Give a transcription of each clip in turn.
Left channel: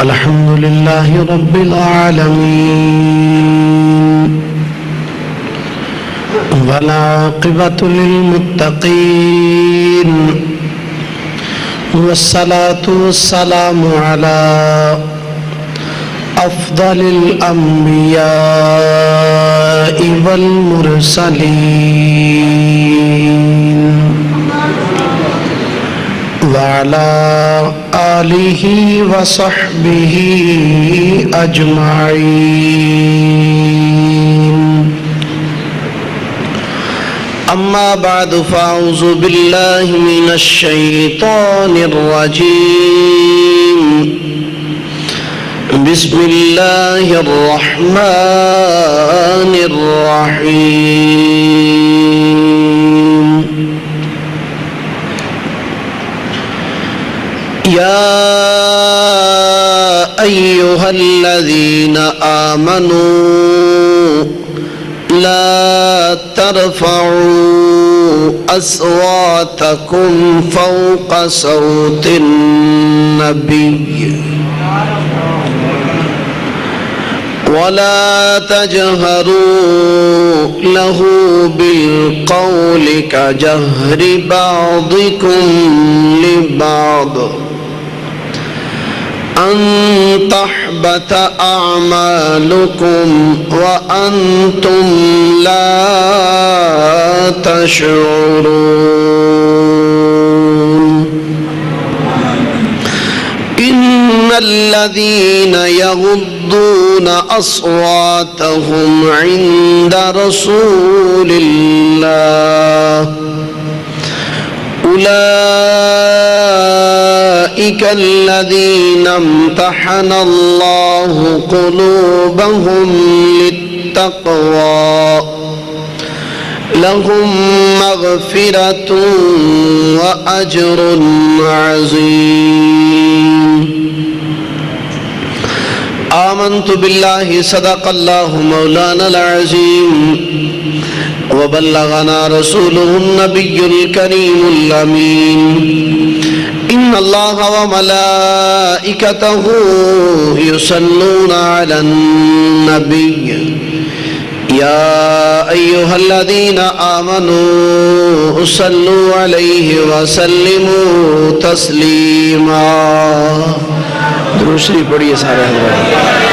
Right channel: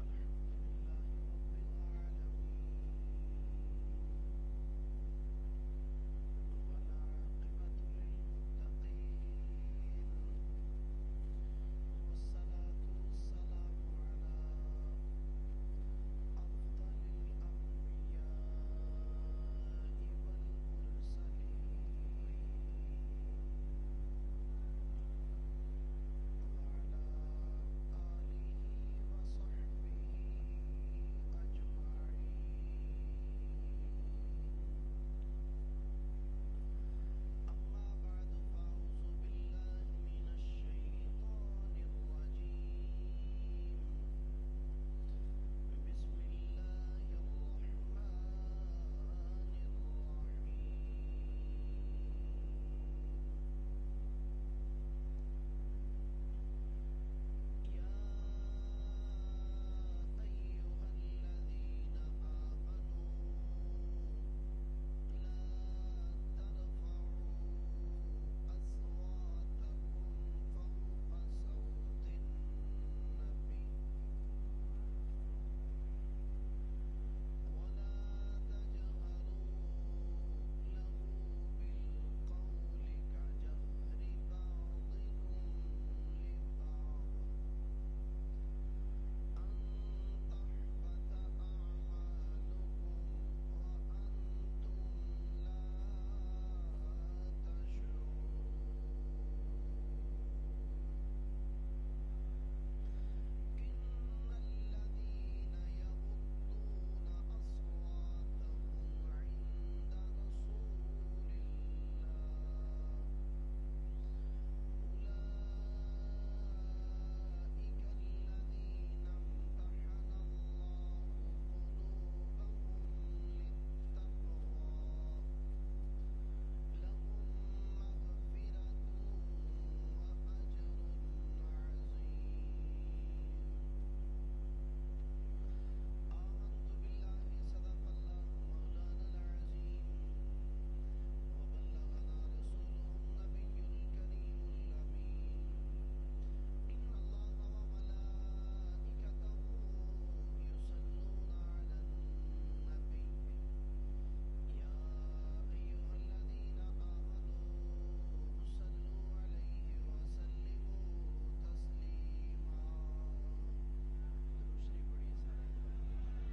الحمد لله رب العالمين والعاقبة للمتقين والصلاة والسلام على أفضل الأنبياء والمرسلين وعلى آله وصحبه أجمعين أما بعد فأعوذ بالله من الشيطان الرجيم بسم الله الرحمن الرحيم يا أيها الذين آمنوا لا ترفعوا أصواتكم فوق صوت النبي ولا تجهروا له بالقول كجهر بعضكم لبعض أن تحبط أعمالكم وأنتم لا تشعرون إن الذين يغضون أصواتهم عند رسول الله أولئك الذين امتحن الله قلوبهم للتقوى لهم مغفرة وأجر عظيم آمنت بالله صدق الله مولانا العظيم وبلغنا رسوله النبي الكريم الأمين إن الله وملائكته يصلون على النبي يا أيها الذين آمنوا صلوا عليه وسلموا تسليما درود شریف پڑھیے سارے حضرات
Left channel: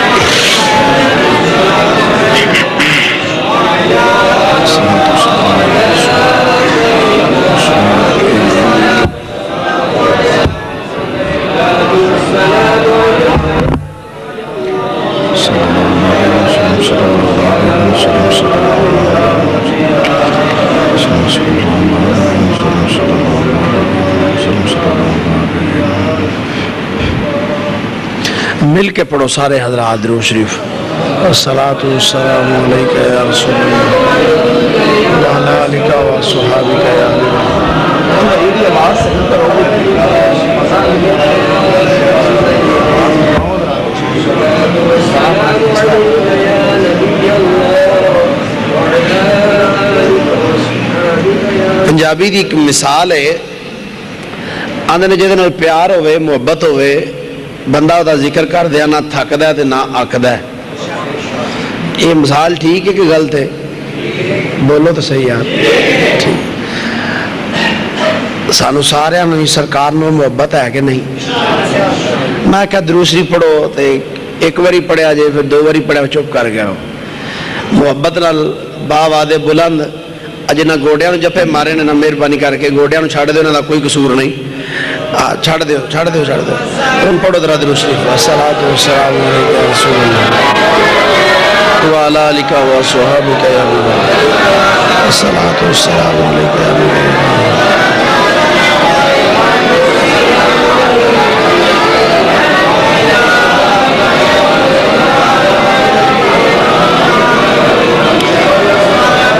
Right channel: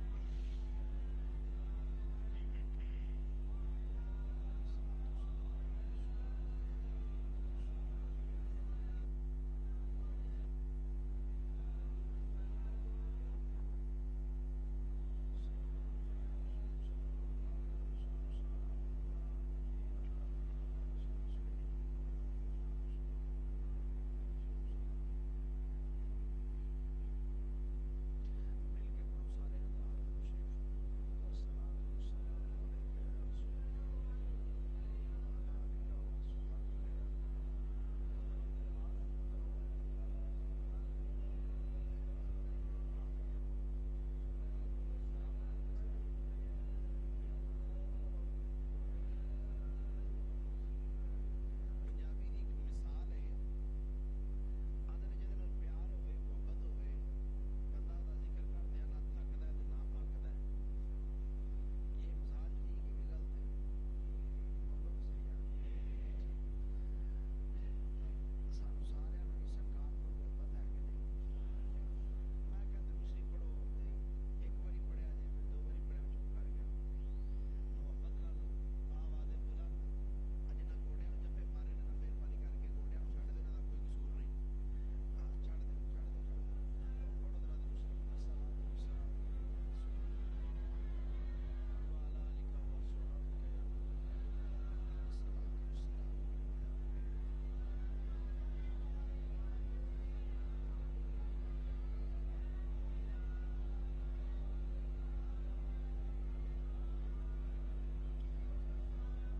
مل کے پڑھو سارے حضرات درود شریف الصلاۃ والسلام علیک یا رسول اللہ وعلی آلک وصحابک یا حبیب پنجابی دی ایک مثال ہے آندے نے جہدے نال پیار ہوئے محبت ہوئے بندہ دا ذکر کر دیا نہ تھکدا ہے تے نہ آکدا ہے یہ مثال ٹھیک ہے کہ غلط ہے بولو تو صحیح یار ٹھیک سانو سارے نوں سرکار نوں محبت ہے کہ نہیں میں کہا درود شریف پڑھو تے ایک واری پڑھیا جے پھر دو واری پڑھیا چپ کر گیا محبت نال با وعدے بلند اجے نہ گوڑیاں نوں جفے مارے نے نہ مہربانی کر کے گوڑیاں نوں چھڈ دیو انہاں دا کوئی قصور نہیں چھڑ دیو تم پڑھو درود شریف الصلاۃ والسلام علیک یا رسول اللہ وعلی آلک وصحابک یا حبیب اللہ الصلاۃ والسلام علیک یا حبیب اللہ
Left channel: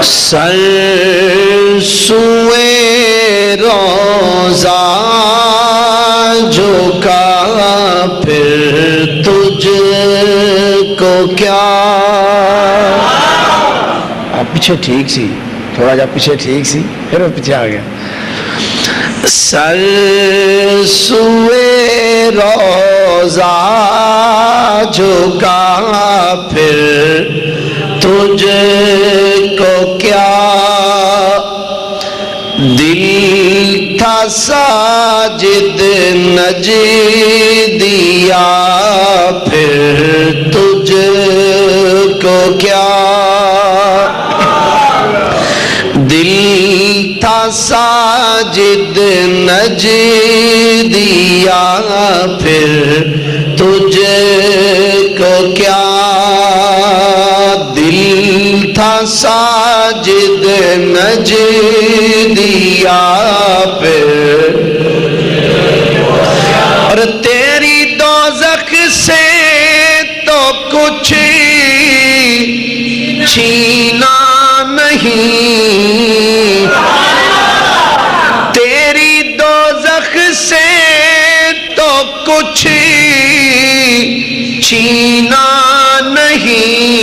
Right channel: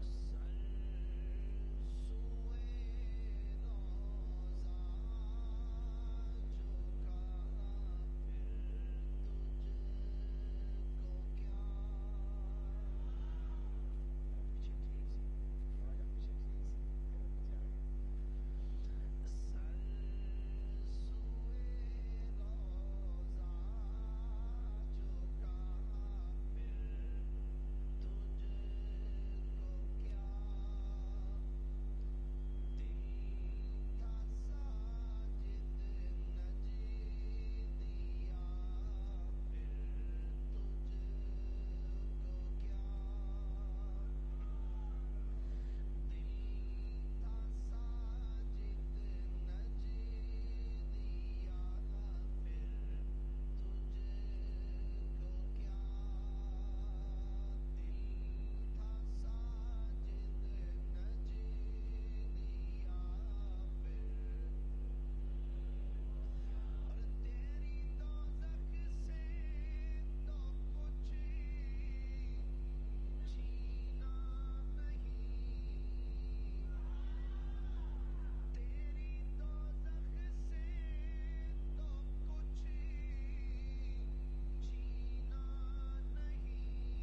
سر سوئے روزہ پیچھے ٹھیک سی تھوڑا جا پیچھے ٹھیک سی پھر وہ پیچھے آ گیا سر سوئے روزہ روزہ جھکا پھر تجھ کو کیا دل تھا ساجد نجدیا پھر تجھ کو کیا دل تھا ساجد نجدیا پھر تجھ کو کیا دل تھا ساجد نجدیا پھر اور تیری دوزخ سے تو کچھ چھینا نہیں تیری دوزخ سے تو کچھ چھینا نہیں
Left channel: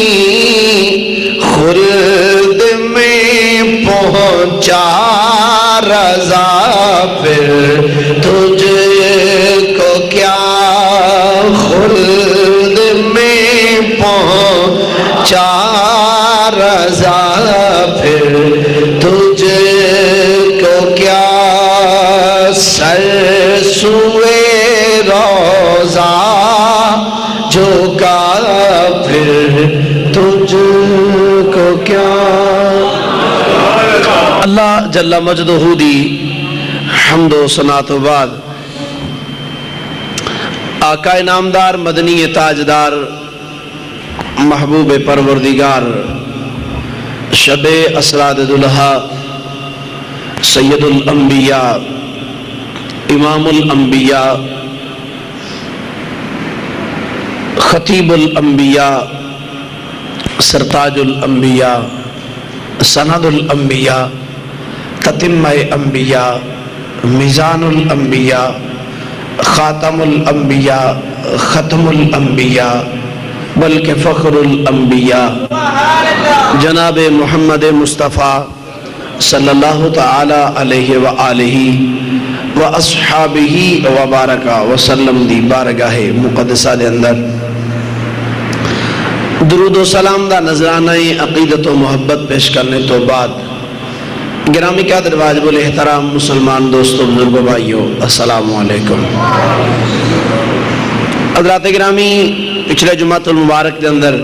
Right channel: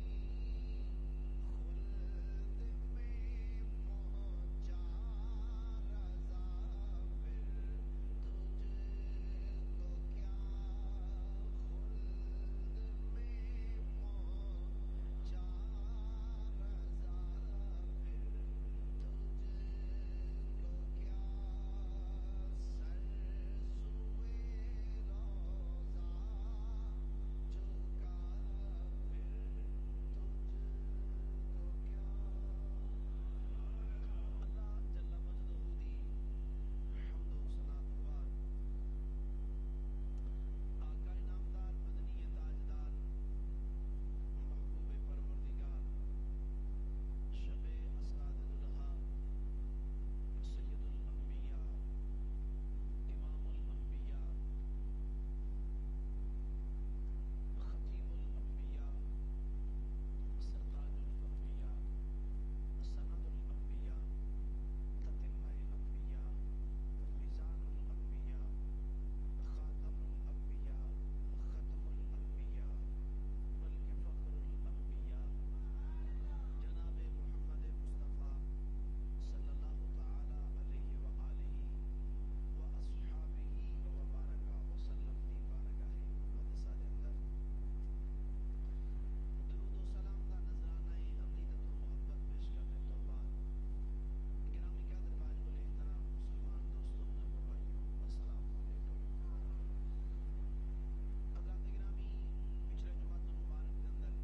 خلد میں پہنچا رضا پھر تجھ کو کیا خلد میں پہنچا رضا پھر تجھ کو کیا سر سوئے روزہ جھکا پھر تجھ کو کیا اللہ جل مجدہ دی حمد و ثنا تو بعد آقا نامدار مدنی تاجدار محبوب پروردگار شب اسراد دلہا سید الانبیاء امام الانبیاء خطیب الانبیاء سرتاج الانبیاء سند الانبیاء تتمہ انبیاء میزان الانبیاء خاتم الانبیاء ختم الانبیاء بلکہ فخر الانبیاء جناب محمد مصطفیٰ صلی اللہ تعالی علیہ وآلہ واصحابہ وبارکہ وسلم دی بارگاہ مقدسہ دے اندر درود و سلام دا نذرانہ عقیدت و محبت پیش کرنے تو بعد گرامی قدر واجب الاحترام مسلمان دوستوں بزرگوں بھائیوں السلام علیکم حضرات گرامی پچھلے جمعۃ المبارک دے اندر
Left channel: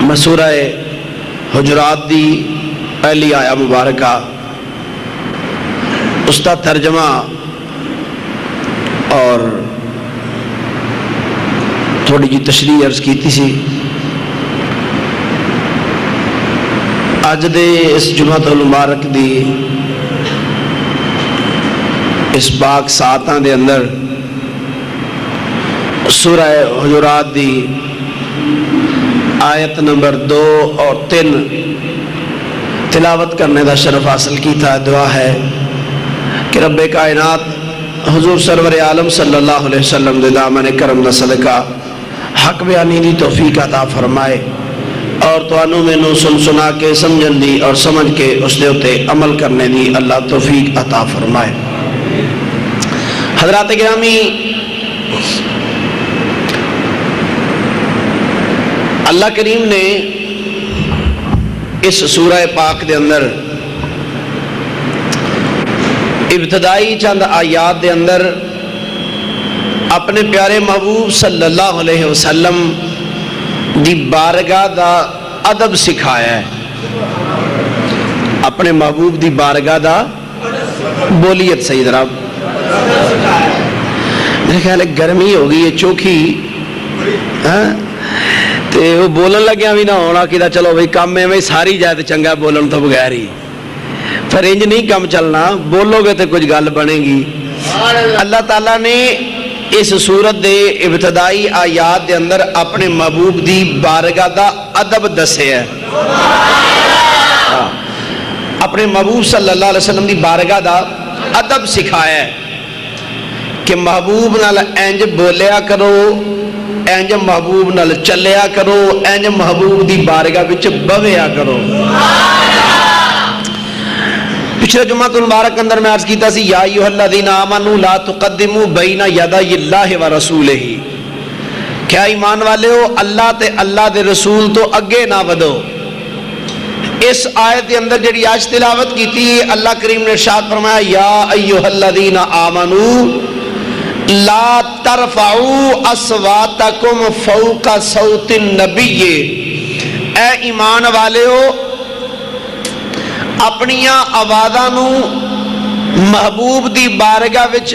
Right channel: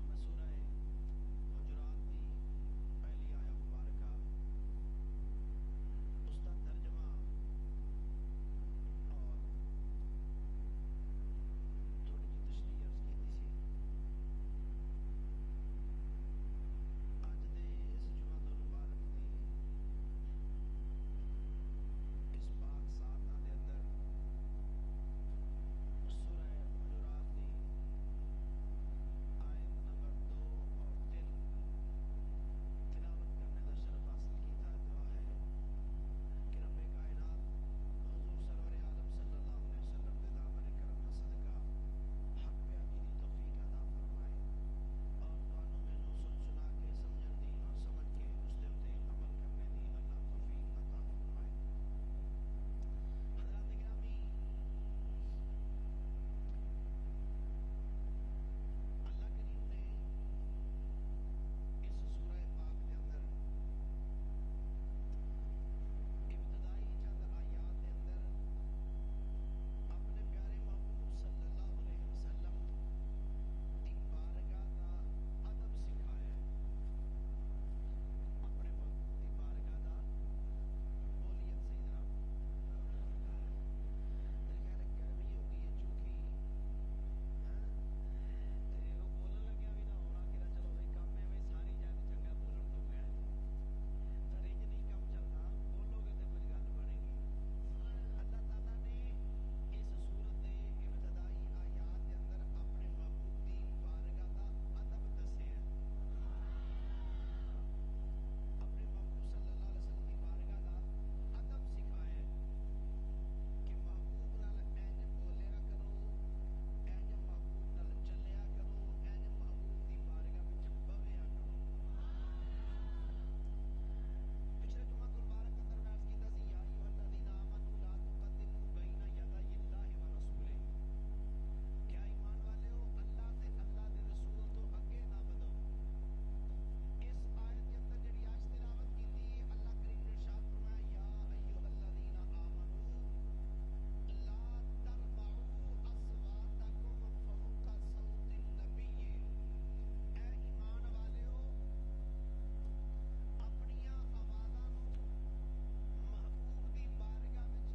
میں سورہ حجرات دی پہلی آیا مبارکہ اس کا ترجمہ اور تھوڑی جی تشریح عرض کیتی سی اج دے اس جمعۃ المبارک دی اس پاک ساعتاں دے اندر سورہ حجرات دی آیت نمبر 2 اور 3 تلاوت کرنے دا شرف حاصل کی تھا دعا ہے کہ رب کائنات حضور سرور عالم صلی اللہ علیہ وسلم دے دامن کرم دا صدقہ حق بیانی دی توفیق عطا فرمائے اور توانوں میں نو سن سنا کے سمجھن دی اور سمجھ کے اس دے اتے عمل کرنے دی اللہ توفیق عطا فرمائے حضرات گرامی اللہ کریم نے اس سورہ پاک دے اندر ابتدائی چند آیات دے اندر اپنے پیارے محبوب صلی اللہ علیہ وسلم دی بارگاہ دا ادب سکھایا ہے اپنے محبوب دی بارگاہ دا بولیت صحیح ذرا میرے خیال ہے گرمی ہو گئی ہے چوکھی تے وہ بولن لگیا بھی نہ ہونا کہ چلو بھئی کام میں ساری جائے تو چنگا بولن تو بغیر ہی پھر انج نہیں کام چلنا بولو گے تو کچھ گل بنے گی اللہ تعالیٰ نے اس صورت دے ابتدائی آیات دے اندر اپنے محبوب دی بارگاہ دا ادب دسے ہے اپنے محبوب صلی اللہ علیہ وسلم دی بارگاہ دا ادب سکھایا ہے کہ محبوب نال انج بولیا کرو انج محبوب نال چلیا کرو انج محبوب دی بارگاہ وچ بویا کرو پچھلے جمعہ المبارک اندر میں عرض کیتا سی یا ایھا الذین آمنوا لا تقدموا بین یدی اللہ ورسولہ، کیا ایمان والے ہو اللہ تے اللہ دے رسول تو اگے نہ ودو۔ اس آیت کے اندر جڑی آج تلاوت کی تھی اللہ کریم نے ارشاد فرمایا یا ایھا الذین آمنوا لا ترفعوا اصواتکم فوق صوت النبی، اے ایمان والے ہو اپنیاں آوازاں نو محبوب دی بارگاہ وچ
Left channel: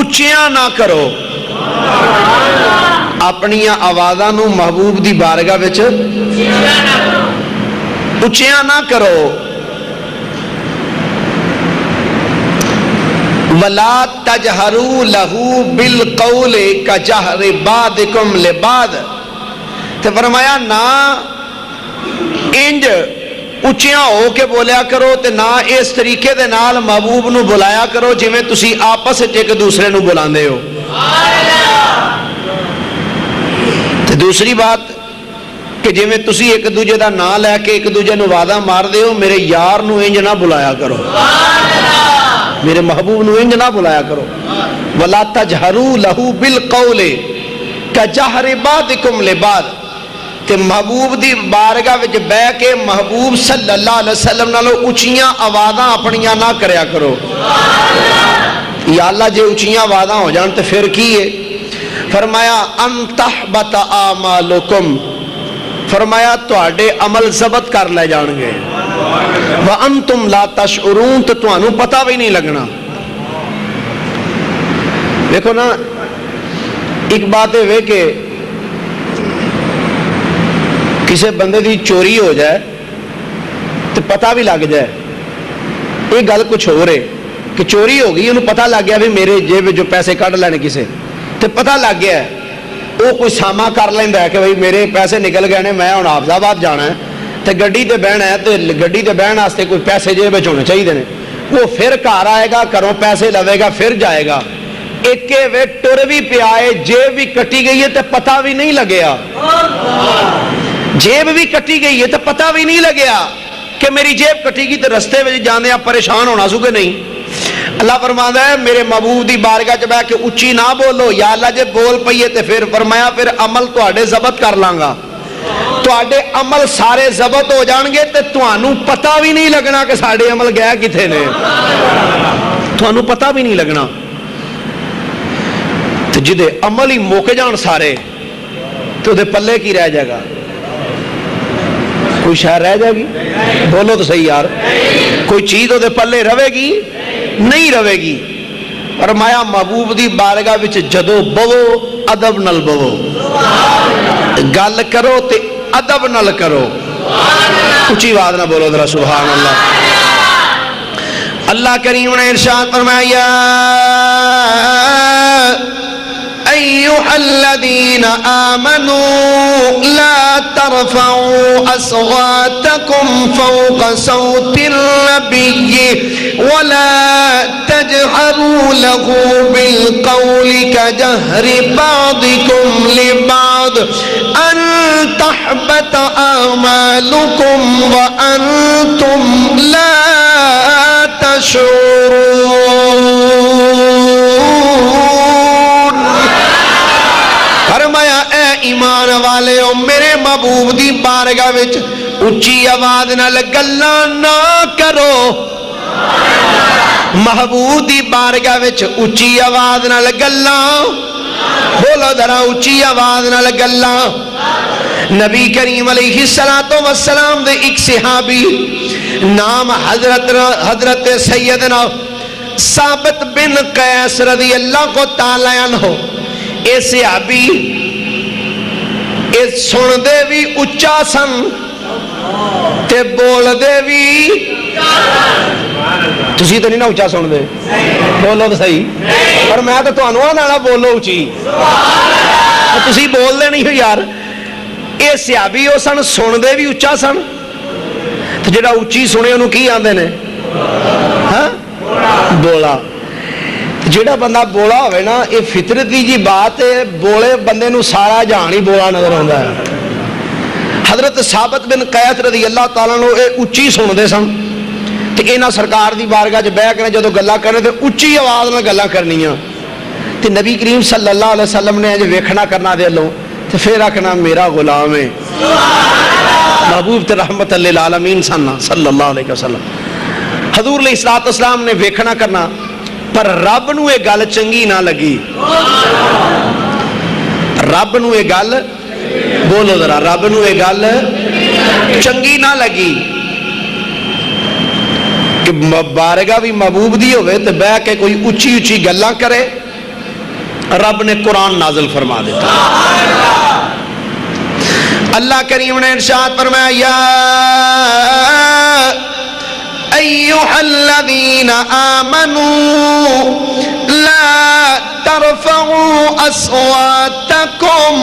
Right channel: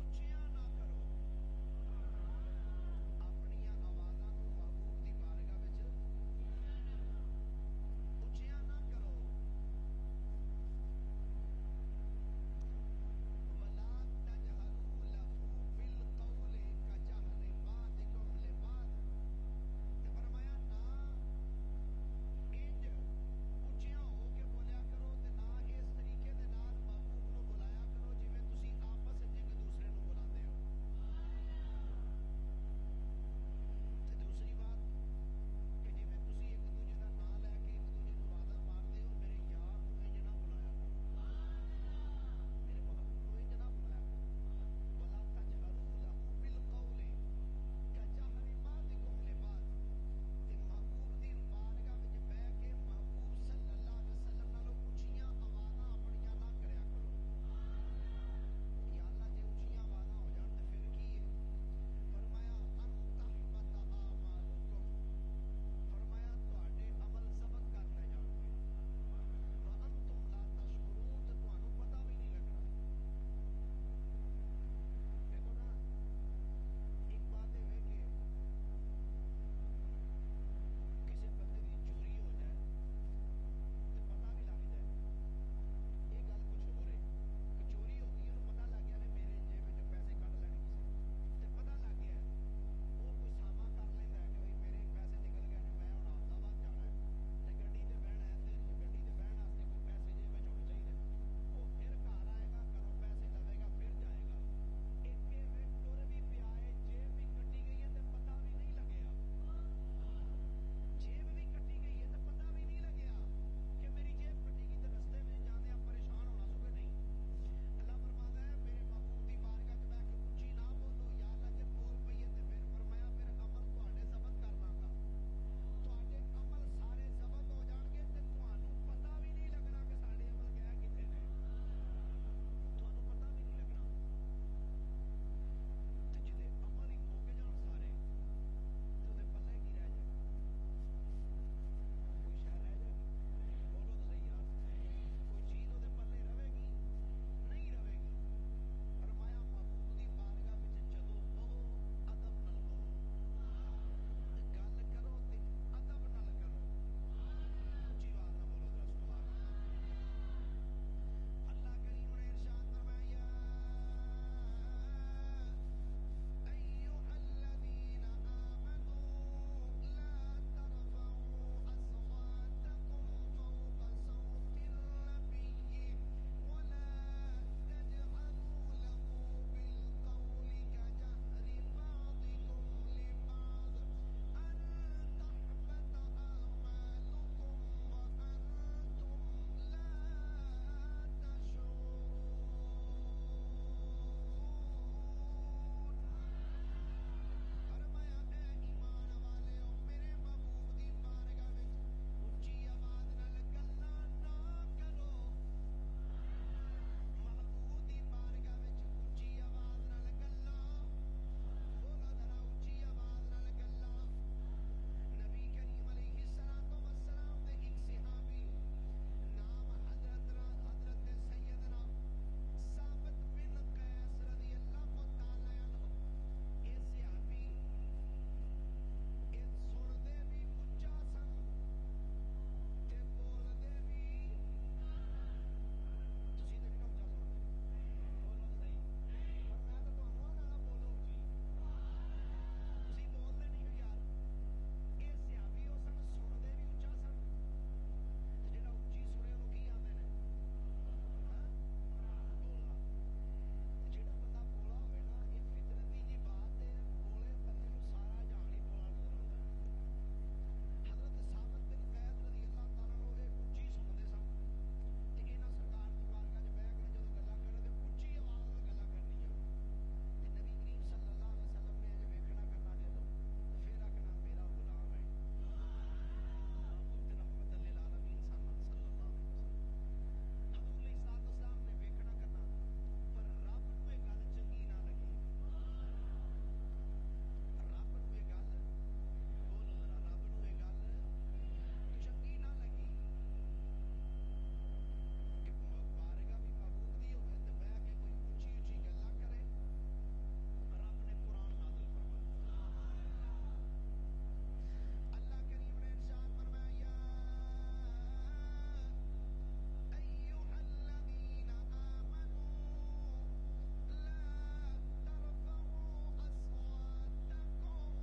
اچیاں نہ کرو، اپنیاں آوازاں نو محبوب دی بارگاہ وچ اچیاں نہ کرو۔ وَلَا تَجْهَرُوا لَهُ بِالْقَوْلِ كَجَهْرِ بَعْضِكُمْ لِبَعْضٍ، تو فرمایا نہ انج اچیاں ہو کے بولیا کرو تے نہ اس طریقے دے نال محبوب نو بلایا کرو جویں تسی آپس وچ ایک دوسرے نو بلاندے ہو۔ تے دوسری بات کہ جویں تسی ایک دوجے دا نام لے کے ایک دوجے نو وعدہ مار دے ہو میرے یار نو انج نہ بلایا کرو، میرے محبوب نو انج نہ بلایا کرو۔ وَلَا تَجْهَرُوا لَهُ بِالْقَوْلِ كَجَهْرِ بَعْضِكُمْ لِبَعْضٍ، تے محبوب دی بارگاہ وچ بیٹھ کے محبوب صلی اللہ علیہ وسلم نالو اچھیاں آوازاں اپنیاں نہ کریا کرو۔ یا اللہ جے اچھیاں آوازاں ہو جان تے پھر کی ہے؟ فرمایا ان تحبط اعمالکم، فرمایا تواڈے عمل ضبط کر لے جان گے، وانتم لا تشعرون، تو تانوں پتہ بھی نہیں لگنا۔ دیکھو نا ایک بات ہے کہ کسی بندے دی چوری ہو جائے تو پتہ بھی لگ جائے، یہ گل کچھ ہو رہے کہ چوری ہو گئی انہوں پتہ لگ گیا بھی میرے جیب جو پیسے کٹ لینے کسے، تو پتہ لگ گیا ہے وہ کوئی ساما کر لینا ہے کہ بھائی میرے پیسے نکل گئے نے میں ہوں حافظ آباد جانا ہے تو گڈی تے بہنا ہے، تو گڈی تے بہن واسطے کوئی پیسے جیب وچ ہونے چاہیے نے، وہ پھر گھر آئے گا گھروں پیسے لوے گا پھر جائے گا، ایک وے ٹر بھی پیا ہے جیب بھی کٹی گئی ہے تو پتہ بھی نہیں لگیا، جیب بھی کٹی گئی ہے تو پتہ بھی نہیں لگیا کہ میری جیب کٹی گئی، تو رستے میں جانے آپ پریشان ہونا سو کہ نہیں۔ اللہ فرماتا ہے میرے محبوب دی بارگاہ چ بیٹھ کے اچھی نہ بولو، یا اللہ جے بول پئیے تے پھر فرمایا پھر عمل تواڈے ضبط کر لاں گا، تواڈے عمل سارے ضبط ہو جان گے تے تانوں پتہ بھی نہیں لگنا کہ ساڈے عمل گئے کتھے نے، تانوں پتہ بھی نہیں لگنا۔ تے جدے عمل ہی مک جان سارے تو دے پلے کی رہ جائے گا؟ کوئی شہر رہ جائے گی؟ بولو تو صحیح یار، کوئی چیز دے پلے روے گی؟ نہیں روے گی۔ فرمایا محبوب دی بارگاہ وچ جدو بوو ادب نال بوو، گل کرو تے ادب نال کرو، اچھی آواز نہ بولو ذرا سبحان اللہ۔ اللہ کریم نے ارشاد فرمایا ایھا الذین آمنوا لا ترفعوا اصواتکم فوق صوت النبی ولا تجہروا له بالقول كجهر بعضکم لبعض ان تحبط اعمالکم وانتم لا تشعرون۔ ایمان والے ہو میرے محبوب دی بارگاہ وچ اچھی آواز نال گلاں نہ کرو، محبوب دی بارگاہ وچ اچھی آواز نال گلاں، بولو ذرا اچھی آواز نال گلاں۔ نبی کریم علیہ السلام دے ایک صحابی نام حضرت سیدنا ثابت بن قیس رضی اللہ کو تعالی عنہ، اے صحابی سن دے بھی اچھا سن تے بول دے بھی، تسی تو نہیں نا اچھا سن دے، بولو تو صحیح، پر میں تو تانوں آنا بولو اچھی، تسی بول دے نہیں ہو یار۔ اے صحابی ہو سن دے بھی اچھا سن، تو جڑا اچھی سنے انہوں کی آندے نے؟ ہاں بولا۔ جیڑا بندہ بولا ہوئے نا یہ فطرتی جی بات ہے، بولے بندے نو سارا جہان ہی بولا نظر آتا ہے۔ حضرت ثابت بن قیس رضی اللہ تعالیٰ نو اے اچھی سن دے سن تے انہاں سرکار دی بارگاہ چ بیٹھ کے جدوں گلاں کرنے تے اچھی آواز نال گلاں کرنیاں تے نبی کریم صلی اللہ علیہ وسلم نے جو ویکھنا کرنا دے لوں تے پھر آکھنا میرا غلام ہے محبوب تے رحمت للعالمین صلی اللہ علیہ وسلم حضور علیہ الصلوۃ والسلام نے ویکھنا کرنا پر رب نو یہ گل چنگی نہ لگی رب نو یہ گل بولو ذرا رب نو یہ گل چنگی نہ لگی کہ بارگاہ بھی محبوب دی ہوئے تو بہ کے کوئی اچھی اچھی گلاں کرے رب نے قرآن نازل فرما دیتا اللہ کریم نے ارشاد فرمایا یا ایھا الذین آمنوا لا ترفعوا اصواتکم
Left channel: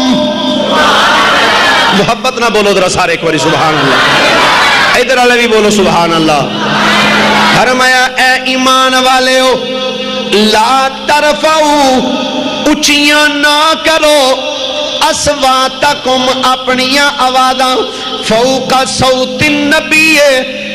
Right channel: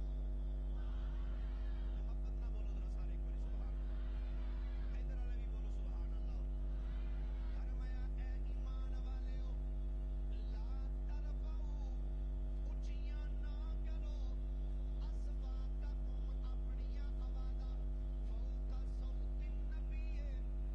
محبت نہ بولو ذرا سارے ایک باری سبحان اللہ ادھر والے بھی بولو سبحان اللہ فرمایا اے ایمان والے ہو لا ترفعوا اچھیاں نہ کرو اصواتکم اپنیاں آوازاں فوق صوت النبی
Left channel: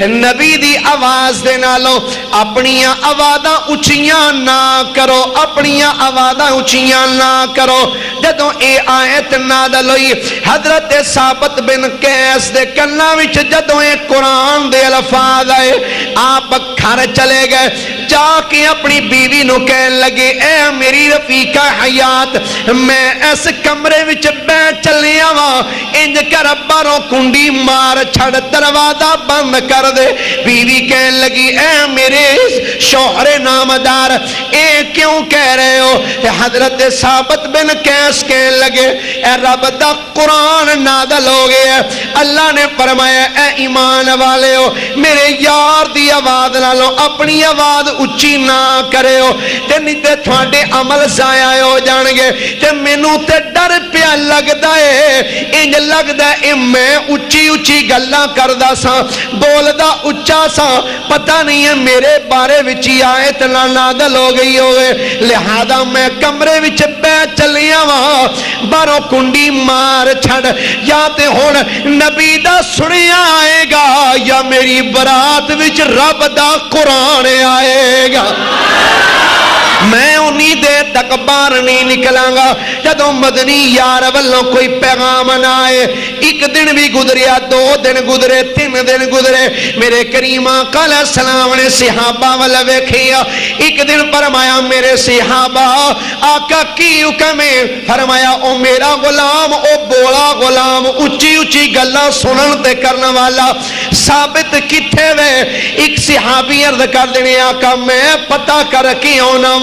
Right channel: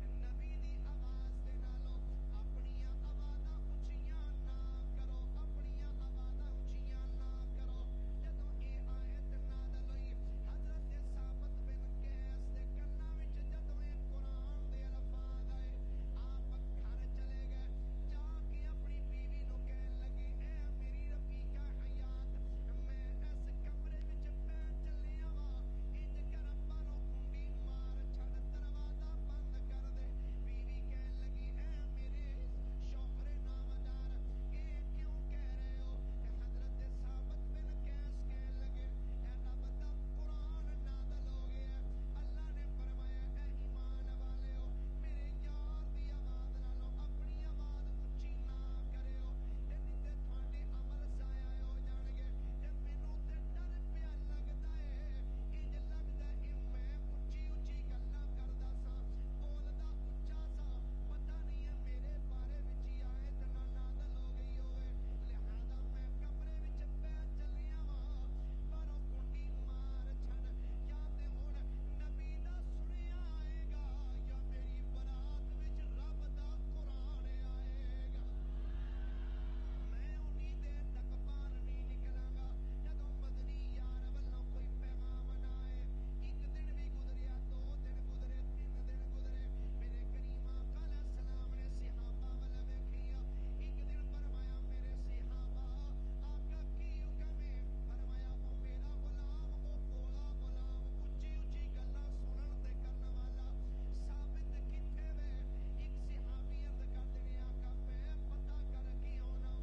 نبی دی آواز دے نالو اپنیاں آوازاں اچھیاں نہ کرو اپنیاں آوازاں اچھیاں نہ کرو جدوں اے آیت نازل ہوئی حضرت ثابت بن قیس دے کناں وچ جدوں اے قرآن دے الفاظ آئے آپ گھر چلے گئے جا کے اپنی بیوی نو کہن لگے اے میری رفیقہ حیات میں اس کمرے وچ بیٹھ چلیا وا انج کر باروں کنڈی مار چھڑ دروازہ بند کر دے بیوی کہن لگی اے میرے شوہر نامدار اے کیوں کہہ رہے ہو حضرت ثابت بن قیس کہن لگے اے رب دا قرآن نازل ہو گیا اللہ نے فرمایا اے ایمان والے ہو میرے یار دی آواز نالو اپنی آواز اچھی نہ کرے ہو تے نہیں تے تھوڑے عمل ضائع ہو جان گے تے مینوں تے ڈر پیا لگدا ہے انج لگدا ہے میں اچھی اچھی گلاں کردا سا بولدا اچا سا پتہ نہیں ہے میرے بارے وچ آیت نازل ہو گئی ہوئے لہذا میں کمرے وچ بیٹھ چلیا وا باروں کنڈی مار چھڑ یا تے ہن نبی دا سنیا آئے گا یا میری برات وچ رب دا قرآن آئے گا میں انہی دیر تک باہر نہیں نکلاں گا جدوں مدنی یار والوں کوئی پیغام نہ آئے ایک دن بھی گزریا دو دن گزرے تین دن گزرے میرے کریم آقا علیہ السلام نے صحابہ والا ویکھیا ایک دن فرمایا میرے صحابہ آقا کی حکم ہے فرمایا او میرا غلام او بولا غلام اچھی اچھی گلاں سنن تے کرنے والا ثابت کتھے وے ایک صحابی عرض کر دینے آقا میں پتہ کر کے آنا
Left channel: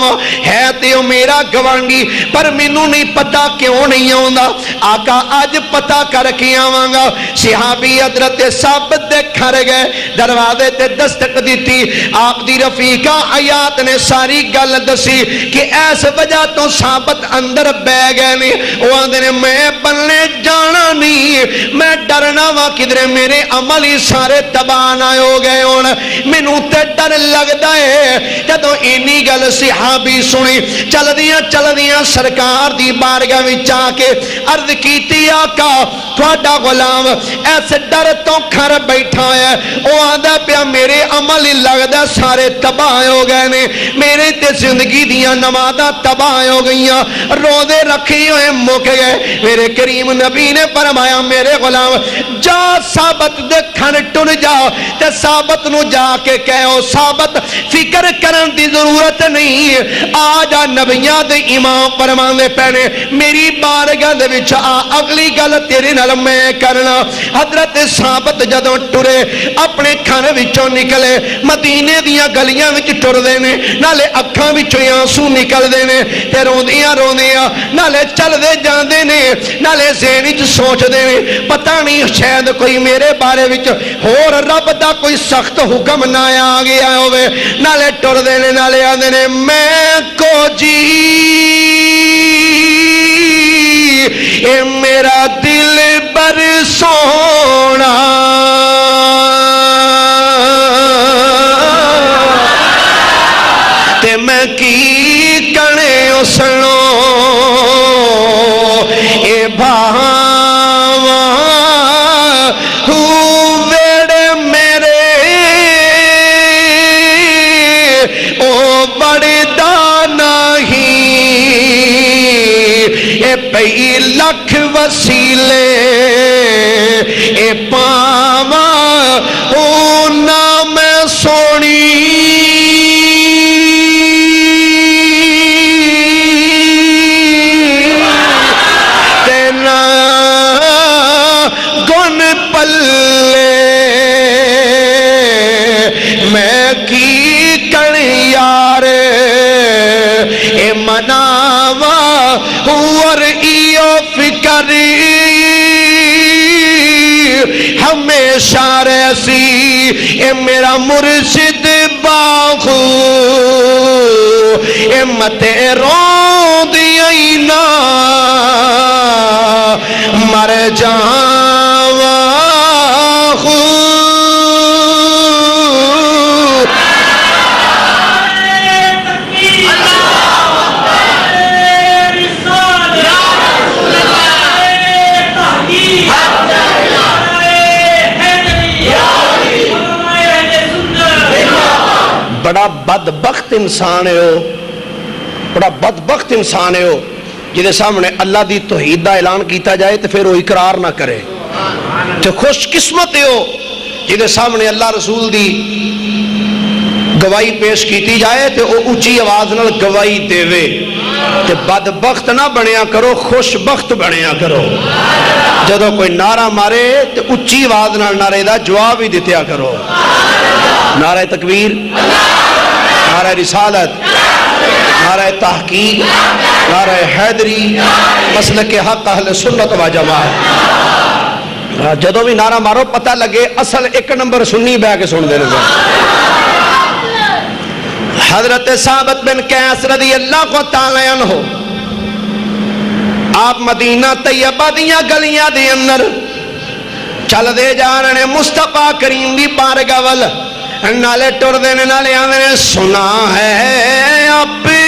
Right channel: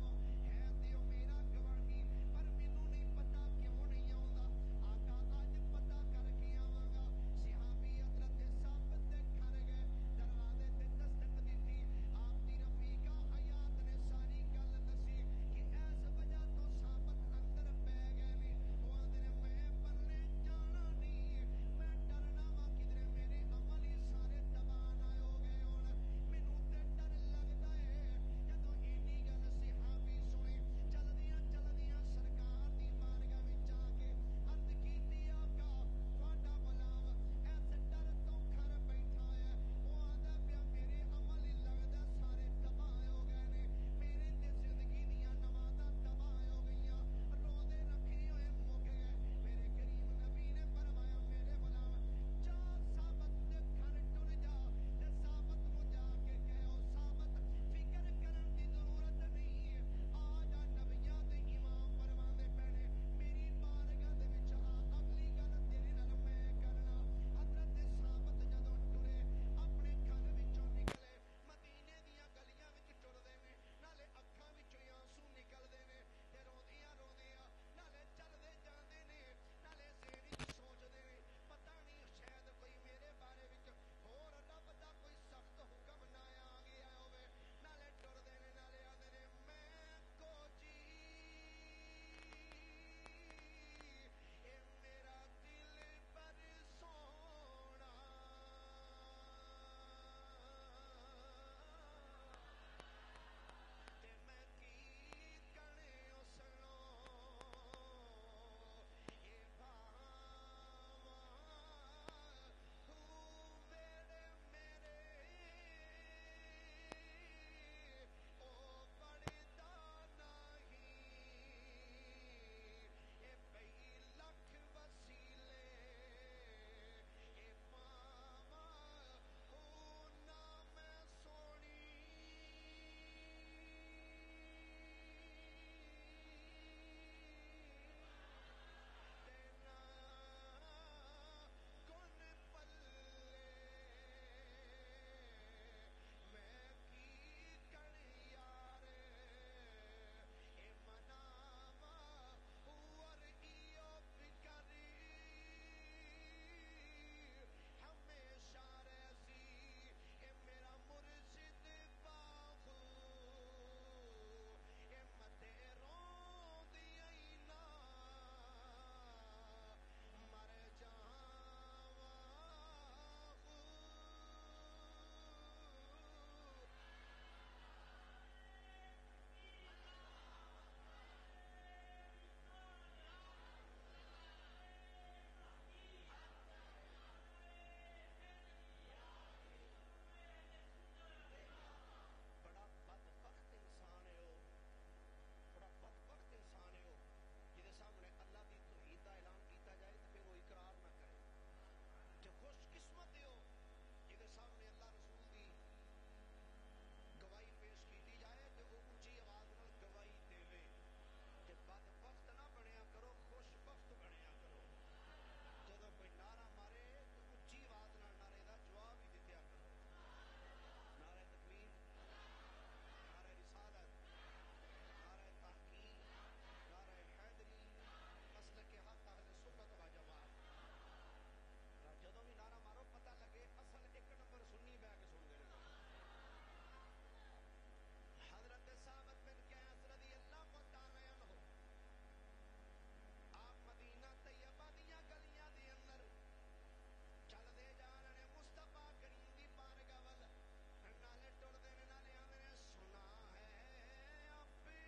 ہے تے میرا گوانڈی پر مینوں نہیں پتا کیوں نہیں آوندا آقا اج پتا کر کے آواں گا صحابی حضرت ثابت دے گھر گئے دروازے تے دستک دیتی آپ دی رفیقہ حیات نے ساری گل دسی کہ ایس وجہ تو ثابت اندر بہ گئے نے وہ آندے نے میں بننے جانا نہیں میں ڈرنا وا کدھر میرے عمل ہی سارے تباہ نہ ہو گئے ہون مینوں تے ڈر لگدا ہے جدوں اینی گل صحابی سنی چل دیاں سرکار دی بارگاہ وچ آ کے عرض کیتی آقا تھوڑا غلام ایسے ڈر تو گھر بیٹھا ہے وہ آندا پیا میرے عمل ہی لگدا سارے تباہ ہو گئے نے میرے تے زندگی دیاں نمازاں تباہ ہو گئیاں روزے رکھے ہوئے مک گئے میرے کریم نبی نے فرمایا میرے غلام جا ثابت دے گھر ٹر جا تے ثابت نو جا کے کہو ثابت فکر کرن دی ضرورت نہیں آجا نبیاں دے امام فرماندے پہنے میری بارگاہ دے وچ اگلی گل تیرے نال میں کرنا حضرت ثابت جدوں ٹرے اپنے گھر وچوں نکلے مدینے دیاں گلیاں وچ ٹر دے نے نالے اکھاں وچوں آنسو نکل دے نے تے روندیاں نالے چل دے جاندے نے نالے ذہن وچ سوچ دے نے پتہ نہیں شاید کوئی میرے بارے وچ ہور رب دا کوئی سخت حکم نہ آ گیا ہوے نالے ٹر دے نے نالے آندے نے میں کو جی اے میرا دل بر سونا تے میں کی کنے اسنو اے بھاواں ویڑے میرے اے پئی لکھ وسیلے اے پاواں او نام سونی تینا گن پلے میں کی کر یار اے مناوا اور ایو فکر ہمیشہ رہسی اے میرا مرشد باخو اے متے رو دیئی نا مر جاواں خو بڑا بدبخت انسان ہے ہو بڑا بدبخت انسان ہے ہو جہدے سامنے اللہ دی توحید دا اعلان کیتا جائے تو پھر وہ اقرار نہ کرے تو خوش قسمت ہے ہو جہدے سامنے اللہ رسول دی گواہی پیش کیتی جائے تو وہ اونچی آواز نال گواہی دے وے تو بدبخت نہ بنیا کرو خوش بخت بنیا کرو جدو کوئی نعرہ مارے تو اونچی آواز نال نعرے دا جواب ہی دیتیا کرو نعرہ تکبیر نعرہ رسالت نعرہ تحقیق نعرہ حیدری مسلک حق اہل سنت و جماعت جدو بھی نعرہ مارو پتہ لگے اصل ایک نمبر سنی بہ کے سن دینے حضرت ثابت بن قیس رضی اللہ کو تعالی عنہ آپ مدینہ طیبہ دیاں گلیاں دی اندر چل دے جا رہے مصطفیٰ کریم دی بارگاہ وال نالے ٹر دینے نالے آنے سنا ہے اپنے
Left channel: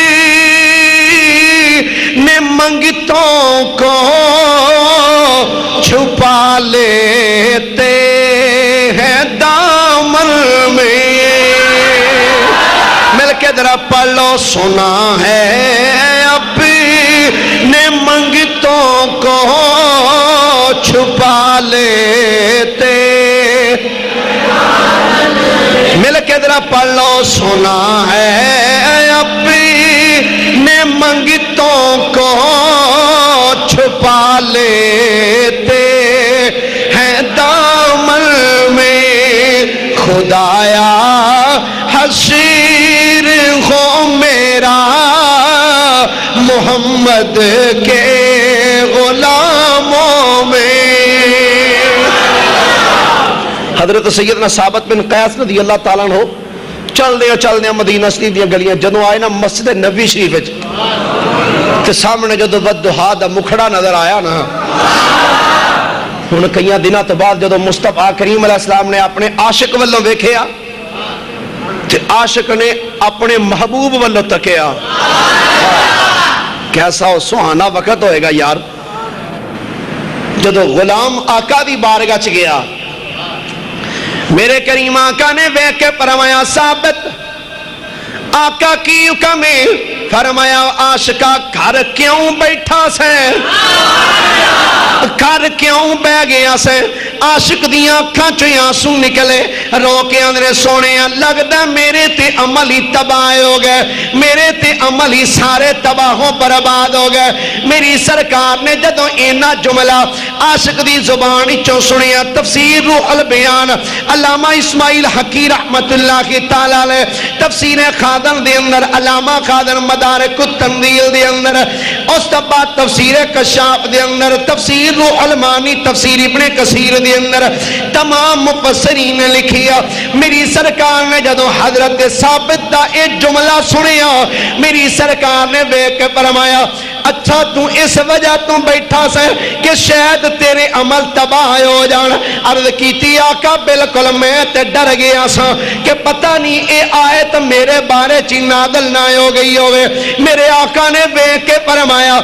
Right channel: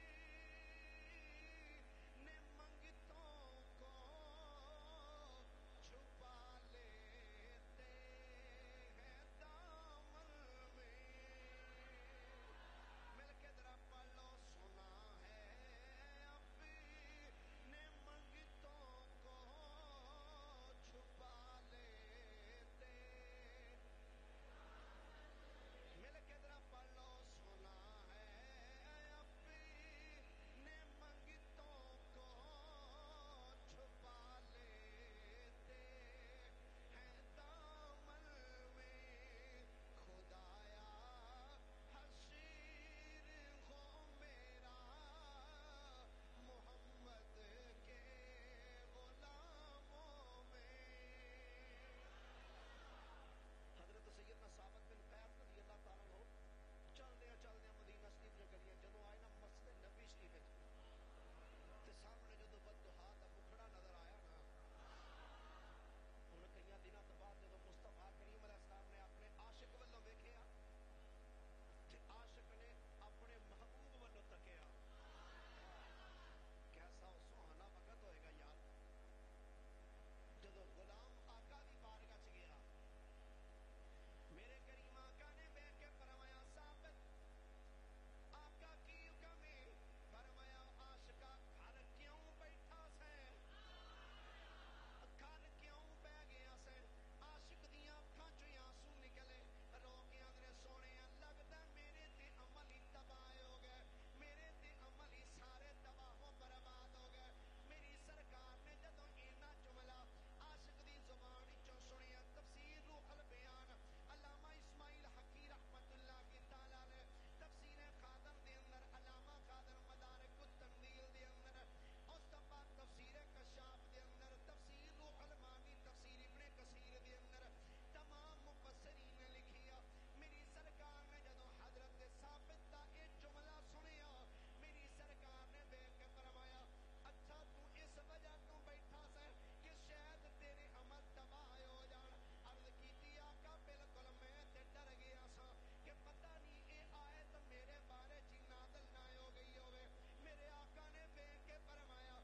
منگتوں کو چھپا لیتے ہیں دامن میں مل کے ذرا پڑھ لو سنا ہے اپنے منگتوں کو چھپا لیتے مل کے ذرا پڑھ لو سنا ہے اپنے منگتوں کو چھپا لیتے ہیں دامن میں خدایا حشیر ہو میرا محمد کے غلاموں میں حضرت سیدنا ثابت بن قیس رضی اللہ تعالیٰ عنہ چل دیا مدینہ شریف دیا گلیاں جدوں آئے نا مسجد نبی شریف تے سامنے جدوں ودھا دا مکھڑا نظر آیا نا ہن کئی دنوں تو بعد جدوں مصطفیٰ کریم علیہ السلام نے اپنے عاشق والوں ویکھیا تے عاشق نے اپنے محبوب والوں تکیا کیسا سہانا وقت ہوئے گا یار جدوں غلام آقا دی بارگاہ چ گیا میرے کریم آقا نے بیٹھ کے فرمایا ثابت آقا کی حکم ہے فرمایا عاشقہ گھر کیوں بیٹھا سے گھر کیوں بہ گیا سے عاشق دیاں اکھاں چوں آنسو نکلے رو کے اندرے سونے لگدا میرے تے عمل ہی تباہ ہو گئے میرے تے عمل ہی سارے تباہوں برباد ہو گئے میری سرکار نے جدوں اینا جملہ عاشق دی زبان چوں سنیا تفسیر روح البیان علامہ اسماعیل حقی رحمت اللہ کی تعالیٰ لے تفسیر خادم دے اندر علامہ خادم مدارک التنزیل دے اندر اس بعد تفسیر کشاف دے اندر تفسیر روح المانی تفسیر ابن کثیر دے اندر تمام مفسرین نے لکھیا میری سرکار نے جدو حضرت ثابت دا ایک جملہ سنیا میری سرکار نے بیٹھ کے فرمایا اچھا تو اس وجہ تو بیٹھا سے کہ شاید تیرے عمل تباہ ہو جان عرض کیتی آقا بالکل میں تے ڈر گیا سا کہ پتہ نہیں اے آیت میرے بارے چی نازل نہ ہو گئی ہوئے میرے آقا نے بیٹھ کے فرمایا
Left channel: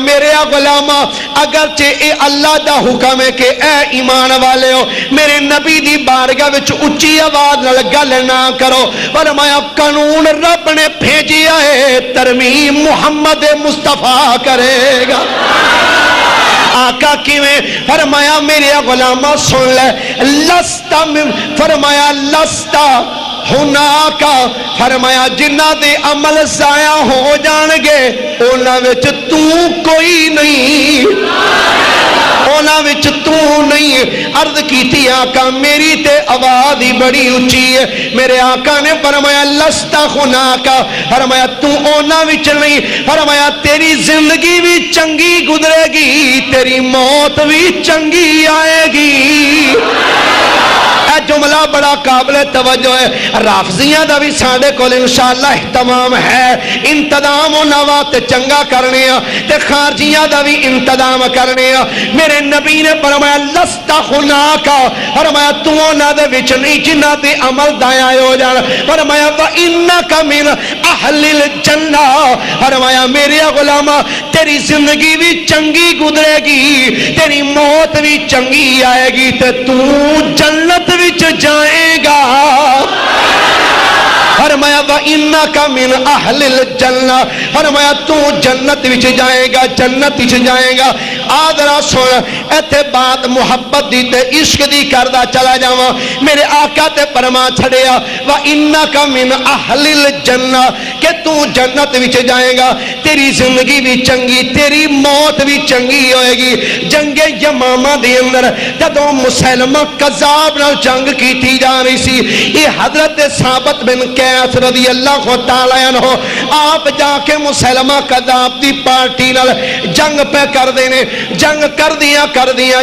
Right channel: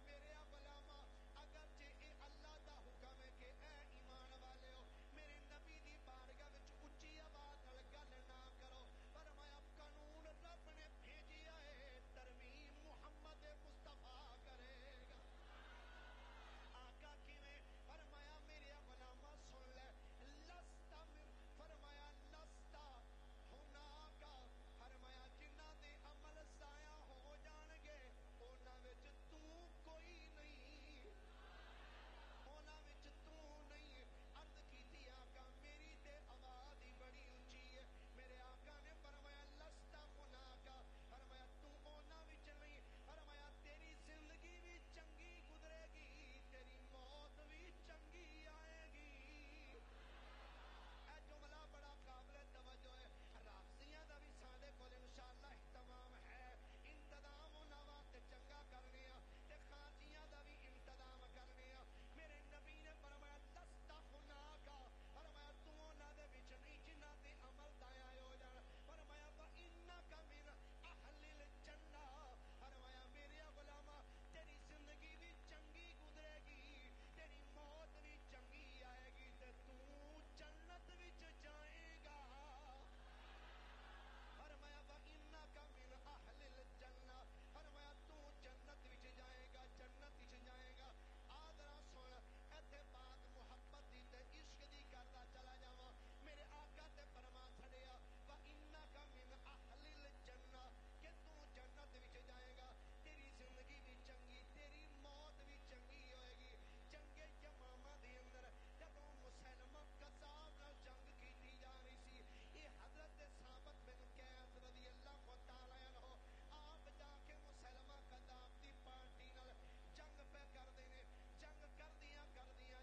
میرے غلامہ اگرچہ اے اللہ دا حکم ہے کہ اے ایمان والے ہو میرے نبی دی بارگاہ وچ اچھی آواز نال گل نہ کرو فرمایا قانون رب نے بھیجیا ہے ترمیم محمد مصطفیٰ کرے گا آقا کیویں فرمایا میرے غلامہ سن لے لستا فرمایا لستا ہناکا فرمایا جنہ دے عمل ضائع ہو جانگے اونا وچ تو کوئی نہیں اونا وچ تو نہیں عرض کی تھی آقا میری تے آواز ہی بڑی اونچی ہے میرے آقا نے فرمایا لستا ہناکا فرمایا تو اونا وچ نہیں فرمایا تیری زندگی بھی چنگی گزرے گی تیری موت بھی چنگی آئے گی جملہ بڑا قابل توجہ ہے رافضیاں دا بھی ساڑے کول انشاءاللہ احتمام ہے انتظام و نوات چنگا کرنے تے خارجیاں دا بھی انتظام کرنے میرے نبی نے فرمایا لستا خناکا فرمایا تو نہ دے وچ نہیں جنہ دے عمل دائیں ہو جانا فرمایا وَإِنَّكَ مِنْ أَهْلِ الْجَنَّةِ فرمایا میرے غلامہ تیری زندگی بھی چنگی گزرے گی تیری موت بھی چنگی آئے گی تے تو جنت بھی جائے گا فرمایا وَإِنَّكَ مِنْ أَهْلِ الْجَنَّةِ فرمایا تو جنت وچ جائے گا جنت وچ جائے گا آدھرا سن ایتھے بات محبت دی تے عشق دی کردہ چلا جاواں میرے آقا تے فرما چھڑیا وَإِنَّكَ مِنْ أَهْلِ الْجَنَّةِ کہ تو جنت وچ جائے گا تیری زندگی بھی چنگی تیری موت بھی چنگی ہوئے گی جنگ یمامہ دے اندر جدوں مسلمہ قذاب نال جنگ کی تھی جا رہی سی یہ حضرت ثابت بن قیس رضی اللہ تعالیٰ عنہ آپ جا کے مسلمہ قذاب دی پارٹی نال جنگ پہ کر دینے جنگ کر دیا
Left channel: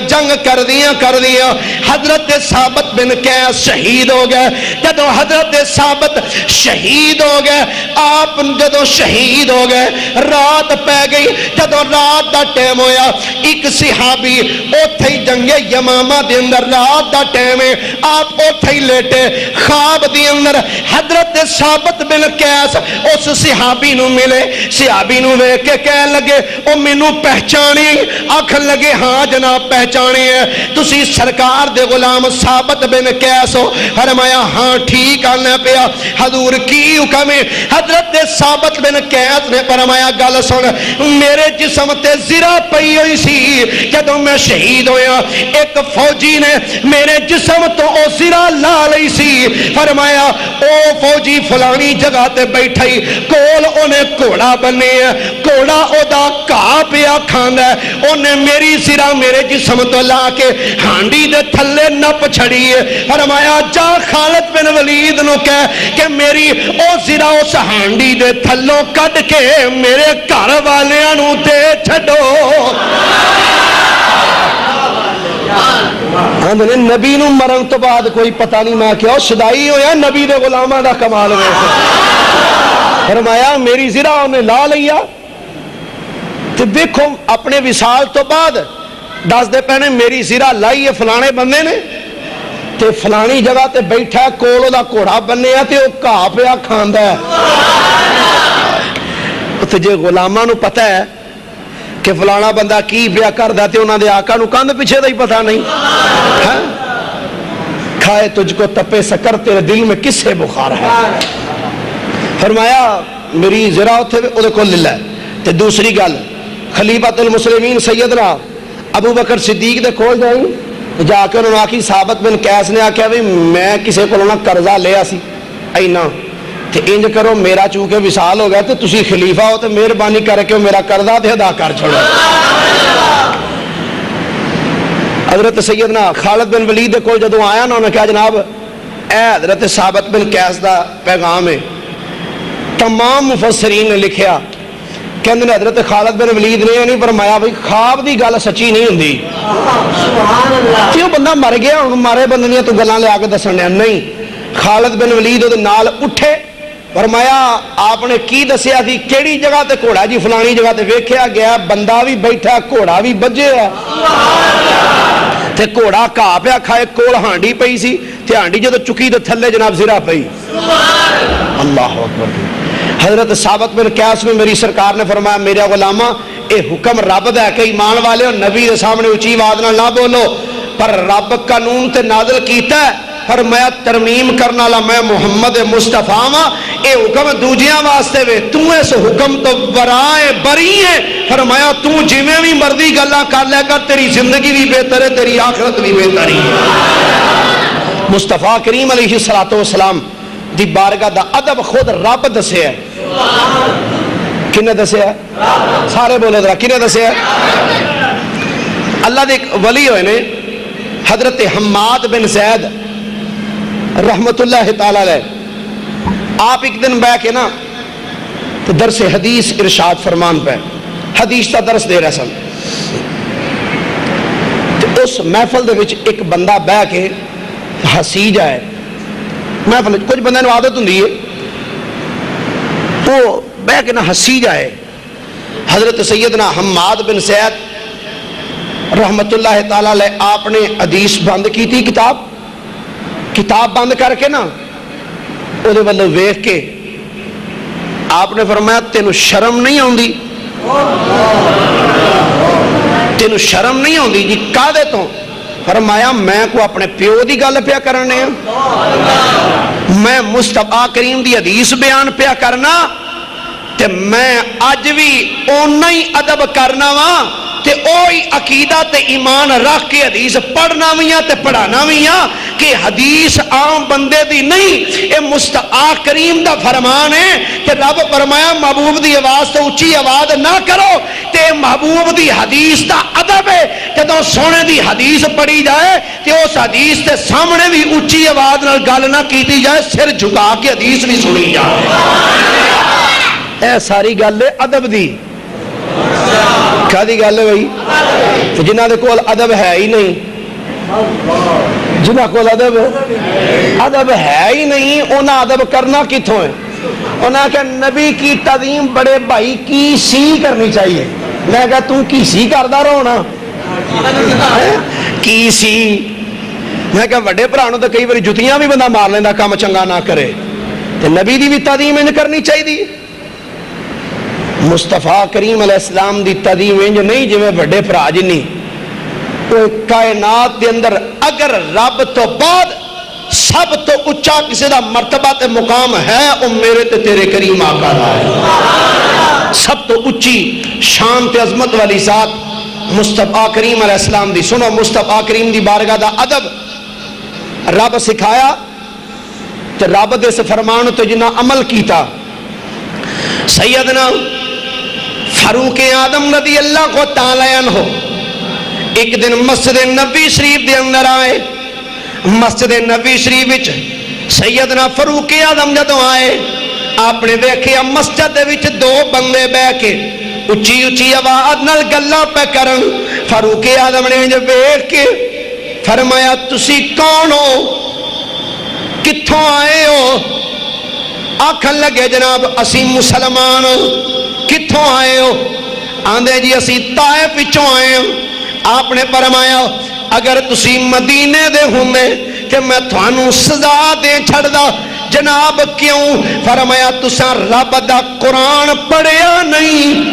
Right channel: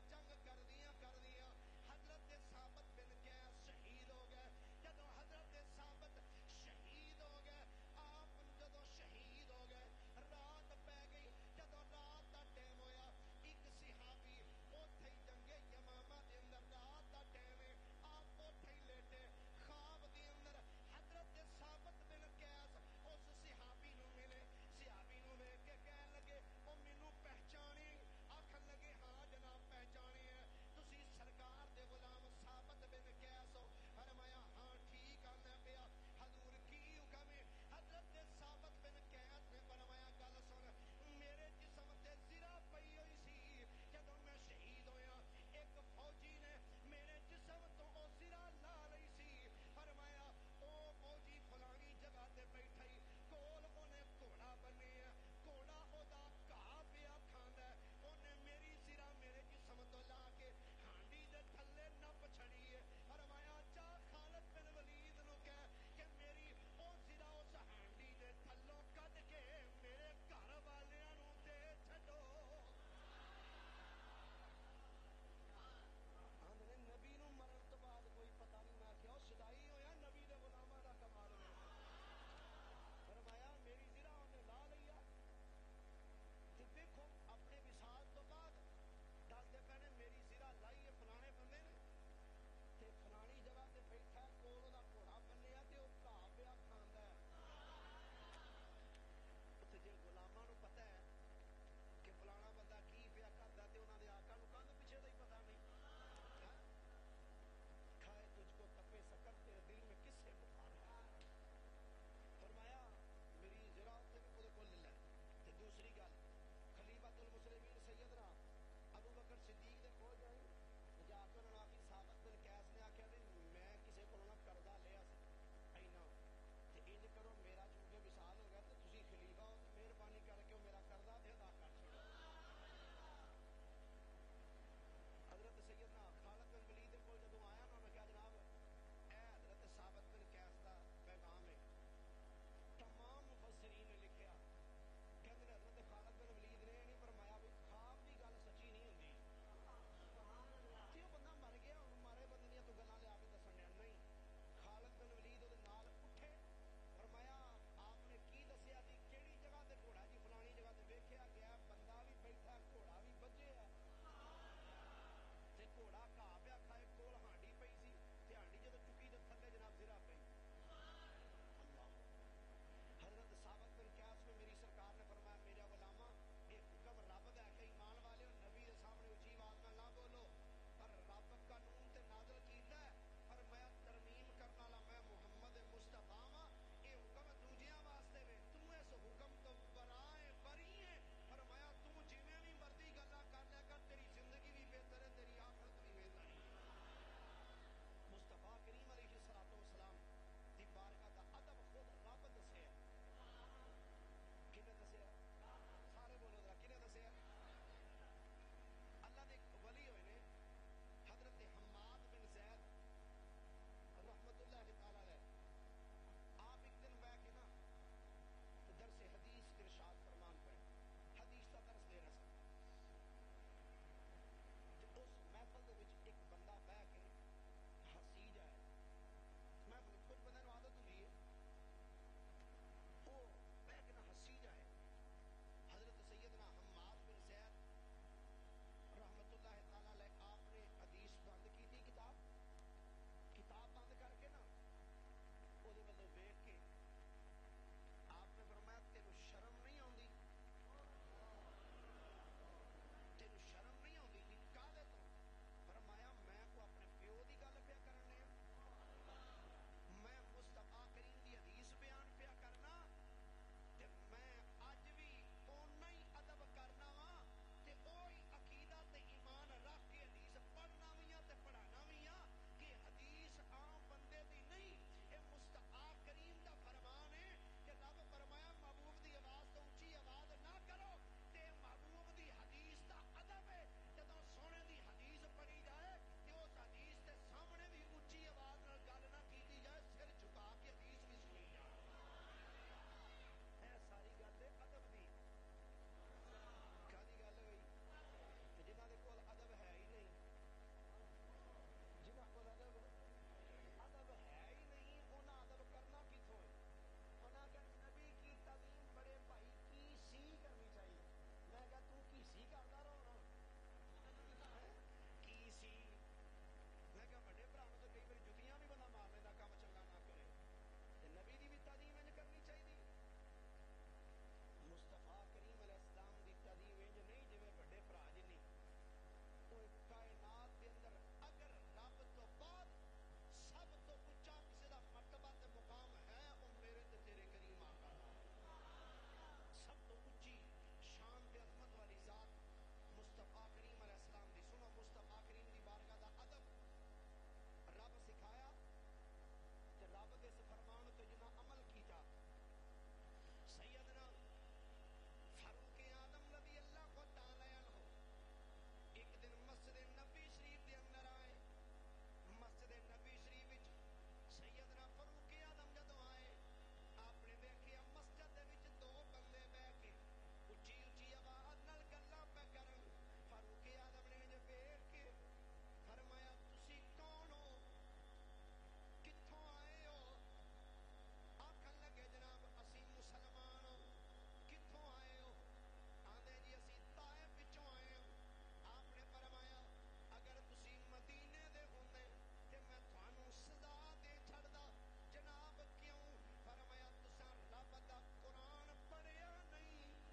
جنگ کر دیا حضرت ثابت بن قیس شہید ہو گئے جدو حضرت ثابت شہید ہو گئے آپ جدو شہید ہو گئے رات پہ گئی جدو رات دا ٹیم ہویا ایک صحابی اوتھے جنگ یمامہ دے اندر رات دا ٹیم ہے آپ اوتھے لیٹے خواب دے اندر حضرت ثابت بن قیس اس صحابی نو ملے صحابی نو وے کے کہہ لگے او مینوں پہچانی آکھن لگے ہاں جناب پہچانی ہے تسی سرکار دے غلام ثابت بن قیس ہو فرمایا ہاں ٹھیک آنا پیا حضور کی حکم ہے حضرت ثابت بن قیس نے فرمایا گل سن میرے جسم تے زرہ پئی ہوئی سی جدوں میں شہید ہویا ایک فوجی نے میرے جسم تو او زرہ لا لئی سی فرمایا او فوجی فلانی جگہ تے بیٹھائی کول انہیں کوڑا بنے ہے کوڑا او دا کہا پیا کھانا ہے انہیں میری زرہ میرے جسم تو لا کے ہانڈی دے تھلے نپ چھڑی ہے فرمایا جا خالد بن ولید نو کہہ کہ میری او زرہ اس ہانڈی دے تھلوں کٹ کے میرے گھر والے نو دے چھڑو نبی نو مرن تو بعد کوئی پتہ نہیں میں کیا شدائی ہویا نبی دے غلامہ دا کمال ویسے فرمایا میری زرہ انہیں لا لیا تو دیکھو اپنے وصال تو بعد دس دے پہنے میری زرہ لائی ہے فلانے بندے نے تے فلانی جگہ تے بیٹھا ہے کولو دا کوڑا بننے ہے تے وہ کہا پیا کھاندہ ہے تو جے غلامہ نو پتہ ہے کہ فلانا بندہ کی پیا کر دیتے انہاں دے آقا نو کاندھ پیچھے دا ہی پتہ نہیں کھائے تجھ کو تپے سکر تیرے دل میں کس سے بخار ہے فرمایا میری زرہ ادھے کو للہ تے دوسری گل خلیفۃ المسلمین سیدنا ابو بکر صدیق دے کھول جائیں جا کے انہوں نے آکی ثابت بن قیس نے آکھیا بھی میں کسے کو لونا قرضہ لیا سی اینا تے انج کرو میرا چونکہ وصال ہو گیا تو تسی خلیفہ ہو تو مہربانی کر کے میرا قرضہ تے ادا کر چھوڑو حضرت سیدنا خالد بن ولید کو جدوں آیا نا انہوں نے کہا جناب اے حضرت ثابت بن قیس دا پیغام ہے تمام مفسرین نے لکھیا کہ اندر حضرت خالد بن ولید نے نہیں فرمایا بھئی خواب دی گل سچی نہیں ہوندی کیوں بندہ مر گیا مارے بندے تو گلاں لے آ کے دسن نہیں خالد بن ولید دے نال اٹھے فرمایا آپ نے کی دسیا تھی کیڑی جگہ تے گھوڑا جی فلانی جگہ تے ویکھیا گیا بندہ بھی بیٹھا گھوڑا بھی بجے ہے تے گھوڑا کہا پیا کھائے کول ہانڈی پئی سی تے ہانڈی جدو چکی تے تھلے جناب زرہ پئی اللہ اکبر حضرت ثابت بن قیس میں میری سرکار نے فرمایا میرا غلامہ اے حکم رب دا ہے کہ ایمان والے اور نبی دے سامنے اونچی آواز نہ بولو پر رب قانون تے نازل کیتا ہے فرمایا ترمیم کرنا لا میں محمد مصطفیٰ ہاں، اے حکم دوجیاں واسطے وے، تو اس حکم تو برائے بری ہے۔ فرمایا تو جویں بھی مرضی گلاں کر لے کر، تیری زندگی بھی بہتر ہے، تیری آخرت بھی بہتر ہے۔ مصطفیٰ کریم علیہ السلام دی بارگاہ دا ادب خود رب دسے ہے۔ کنے دسے ہے؟ سارے بولے ذرا، کنے دسے ہے؟ اللہ دے ایک ولی ہوئے نے حضرت حماد بن زید رحمت اللہ تعالیٰ علیہ، آپ ایک دن بیٹھ کے نا تو درس حدیث ارشاد فرمان پہ حدیث کا درس دے رہے سن، تو اس محفل دے وچ ایک بندہ بیٹھ کے ہسی جائے۔ محفل کچھ بندے نو عادت ہوندی ہے تو بیٹھ کے نا ہسی جائے۔ حضرت سیدنا حماد بن زید رحمت اللہ تعالیٰ علیہ آپ نے حدیث بند کی تھی، کتاب بند کر کے نا او دے والو ویکھ کے آپ نے فرمایا تینوں شرم نہیں آندی؟ تینوں شرم نہیں آندی جی کہدے تو؟ فرمایا میں کو اپنے پیو دی گل پیا کرنے ہیں، میں مصطفیٰ کریم دی حدیث بیان پیا کرنا، تے میں اج بھی اونا ہی ادب کرنا وا، تے اوہی عقیدہ تے ایمان رکھ کے حدیث پڑھنا ویاں تے پڑھانا ویاں، کہ حدیث عام بندے دی نہیں، اے مصطفیٰ کریم دا فرمان ہے کہ رب فرمایا محبوب دی آواز تو اچھی آواز نہ کرو، تے محبوب دی حدیث دا ادب ہے جدوں سونے دی حدیث پڑھی جائے تے اس حدیث تے سامنے بھی اچھی آواز نال گل نہ کیتی جائے، سر جھکا کے حدیث بھی سنی جائے۔ اے ساری گل ہے ادب دی، کیا دی گل ہے بھائی؟ جنہ دے کول ادب ہے ہی نہیں، جنہ کول ادب ہے ہی نہیں، انہاں ادب کرنا کتھوں ہے؟ انہاں کہ نبی کی تعظیم بڑے بھائی کی سی کرنی چاہیے۔ میں کہا تم کی سی کردہ رہو نا، کی سی۔ میں کہا وڈے پرانوں تو کئی باری جتیاں بھی بندہ مار لیندہ کام چنگا نہ کرے، تو نبی دی بھی تعظیم انج کرنی چاہیے دی۔ مصطفیٰ کریم علیہ السلام دی تعظیم انج نہیں جو میں بڑے پرا جنی، کائنات دے اندر اگر رب تو بعد سب تو اچھا کسی دا مرتبہ تے مقام ہے، او میرے تے تیرے کریم آقا دا ہے۔ سب تو اچھی شان تے عظمت والی ذات مصطفیٰ کریم علیہ السلام دی۔ سنو مصطفیٰ کریم دی بارگاہ دا ادب رب سکھایا تے رب دے سے فرمان تو جنہ عمل کیتا۔ سیدنا فاروق اعظم رضی اللہ کو تعالیٰ عنہ ایک دن مسجد نبی شریف دے اندر آئے۔ مسجد نبی شریف وچ سیدنا فاروق اعظم جدوں آئے، آپ نے دیکھیا مسجد دے وچ دو بندے بیٹھ کے اچھی اچھی آواز نال گلاں پہ کرن۔ فاروق اعظم نے جو دیکھ کے فرمایا تسی کون ہو، کتھوں آئے ہو؟ آکھن لگے جناب اسی مسلمان، کتھوں آئے ہو؟ آندے جی اسی طائف وچوں آئے ہوں۔ آپ نے فرمایا اگر تسی مدینے دے ہوندے کہ میں تھانوں سزا دے چھڑ دا۔ جناب کیوں؟ فرمایا تساں رب دا قرآن پڑھیا نہیں،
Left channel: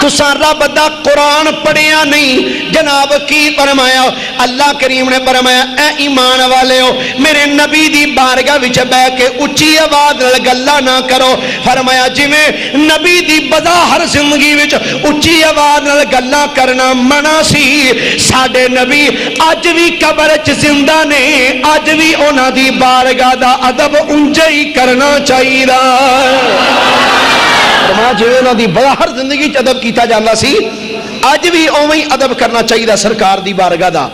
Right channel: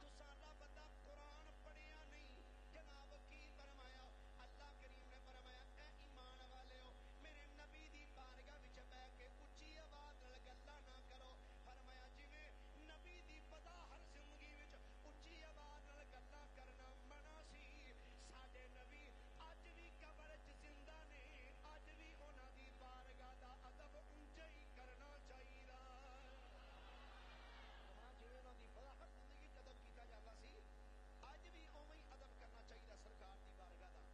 تساں رب دا قرآن پڑھیا نہیں۔ جناب کی فرمایا؟ اللہ کریم نے فرمایا اے ایمان والے ہو میرے نبی دی بارگاہ وچ بیٹھ کے اچھی آواز نال گلاں نہ کرو۔ فرمایا جویں نبی دی بظاہر زندگی وچ اچھی آواز نال گلاں کرنا منع سی، ساڈے نبی اج بھی قبر وچ زندہ نے، اج بھی انہاں دی بارگاہ دا ادب اونجا ہی کرنا چاہیے۔ فرمایا جو انہاں دی بظاہر زندگی چ ادب کیتا جاندا سی، اج بھی اوویں ادب کرنا چاہیے سرکار دی بارگاہ دا۔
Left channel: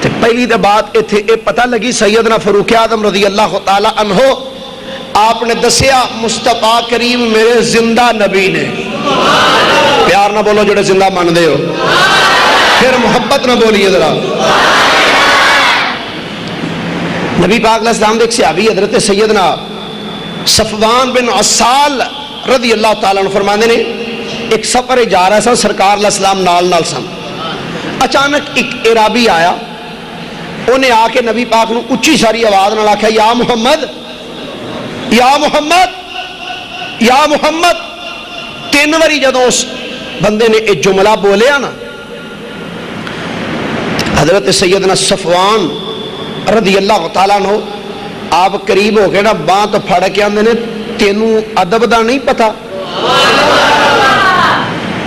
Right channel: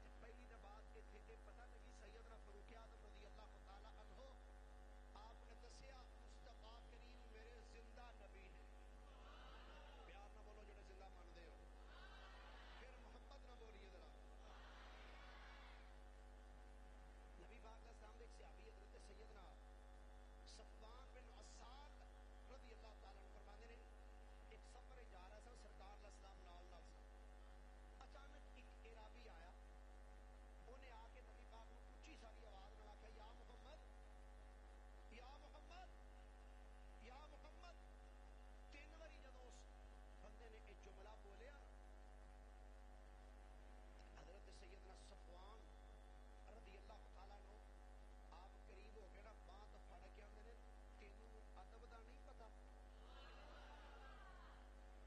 تے پہلی تے بات ایتھے اے پتہ لگی سیدنا فاروق اعظم رضی اللہ تعالی عنہ آپ نے دسیا مصطفیٰ کریم میرے زندہ نبی نے۔ پیار نہ بولو جڑے زندہ مان دے ہو، پھر محبت نہ بولیے ذرا۔ نبی پاک علیہ السلام دے ایک صحابی حضرت سیدنا صفوان بن عسال رضی اللہ تعالیٰ عنہ فرماندے نے ایک سفر جا رہا سن، سرکار علیہ السلام نال سن۔ اچانک ایک عرابی آیا، انہیں آ کے نبی پاک نو اچھی ساری آواز نال آکھیا یا محمد یا محمد یا محمد۔ تین واری جدوں اس بندے نے ایک جملہ بولیا نا، حضرت سیدنا صفوان رضی اللہ تعالیٰ عنہ آپ قریب ہو کے نا باں تو پھڑ کے آندے نے تینوں ادب دا نہیں پتا،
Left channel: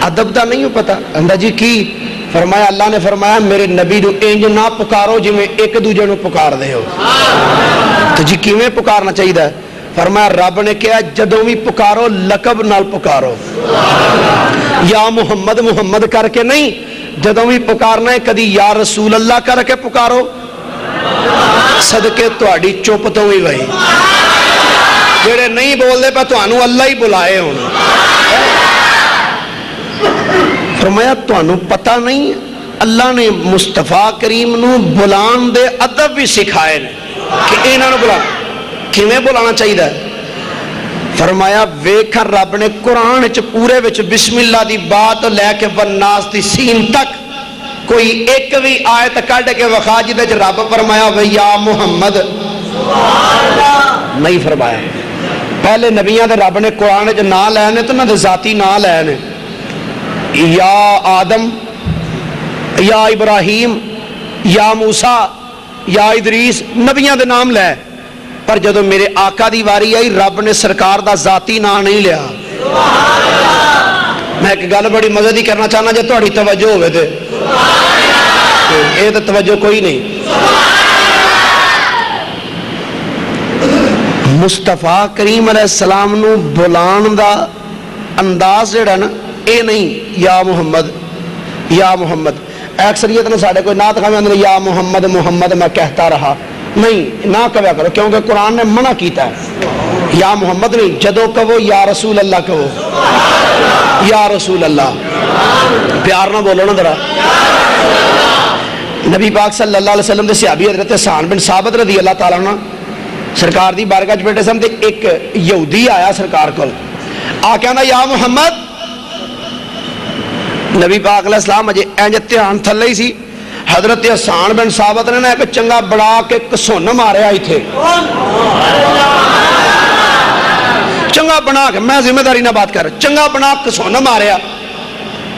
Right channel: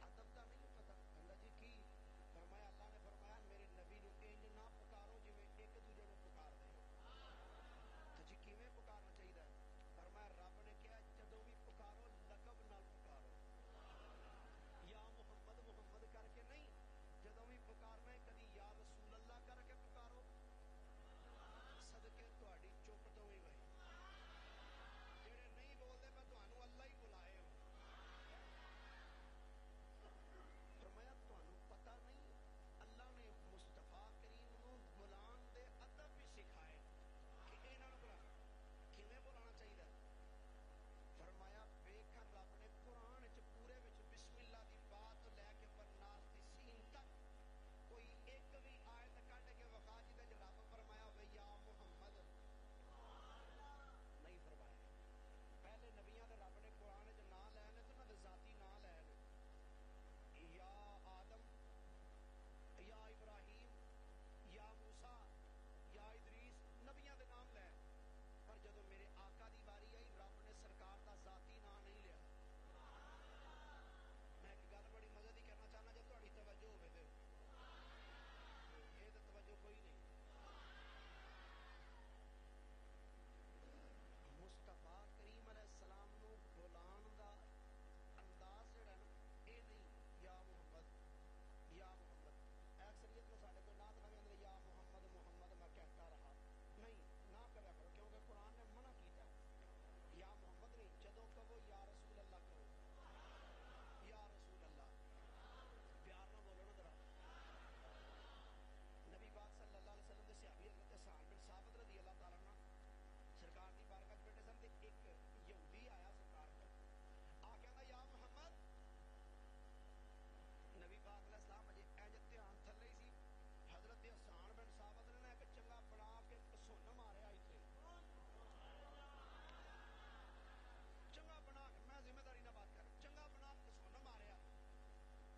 ادب دا نہیں پتا؟ اندہ جی کی؟ فرمایا اللہ نے فرمایا میرے نبی نو انج نہ پکارو جی میں ایک دوجے نو پکار دے ہو۔ تو جی کیویں پکارنا چاہیے؟ فرمایا رب نے کہا جدوں بھی پکارو لقب نال پکارو، یا محمد محمد کر کے نہیں، جدوں بھی پکارنا ہے کدی یا رسول اللہ کر کے پکارو، صدقے تہاڈی چپ تو ہی وہی جڑے نہیں بول دے پہ تانوں اللہ ہی بلائے ہونا۔ فرمایا تانوں پتہ نہیں اللہ نے مصطفیٰ کریم نو بلان دے ادب بھی سکھائے کہ انہاں نو بلا کیویں بلانا چاہیے؟ فرمایا ویکھا رب نے قرآن وچ پورے وچ بسم اللہ دی بات لے کے والناس دی سین تک کوئی ایک بھی آیت کڈ کے وکھا جدے وچ رب فرمایا وے یا محمد نہیں فرمایا۔ پہلے نبیاں دے رب نے قرآن وچ نام لے نے تو نہ دے ذاتی نام لے نے، یا آدم، یا ابراہیم، یا موسیٰ، یا ادریس، نبیاں دے نام لے، پر جدو میرے آقا دی واری آئی رب نے سرکار دا ذاتی نام نہیں لیا۔ میں ایک گل بڑی مزے دی کرنا چاہنا جے تہاڈی توجہ ہوئے تھے، اے تے توجہ کوئی نہیں۔ مصطفیٰ کریم علیہ السلام نو بلان دا انداز جڑا نا اے نہیں یا محمد یا محمد۔ اکثریت نے ساڑھے کوئی نعت خواہ میں یا محمد محمد میں کہتا رہا، نہیں نہ کہا کرو کیونکہ قرآن نے منع کیتا ہے۔ یا محمد نہیں، جدو کہو یا رسول اللہ کہو، یا رسول اللہ، پیار نہ بولو نا ذرا۔ نبی پاک صلی اللہ علیہ وسلم دے صحابی حضرت حسان بن ثابت رضی اللہ تعالیٰ عنہ سرکار دی بارگاہ وچ بیٹھے سن تے ایک یہودی آیا سرکار کول، آ کے آندا یا محمد۔ نبی پاک علیہ السلام اجے انج دھیان تھلے ہی سی، حضرت حسان بن ثابت نے ایک چنگا بڑا کے کسون ماریا ہی تھے، چنگا بنا کے، میں ذمہ داری نہ بات کر رہا، چنگا بنا کسون ماریا۔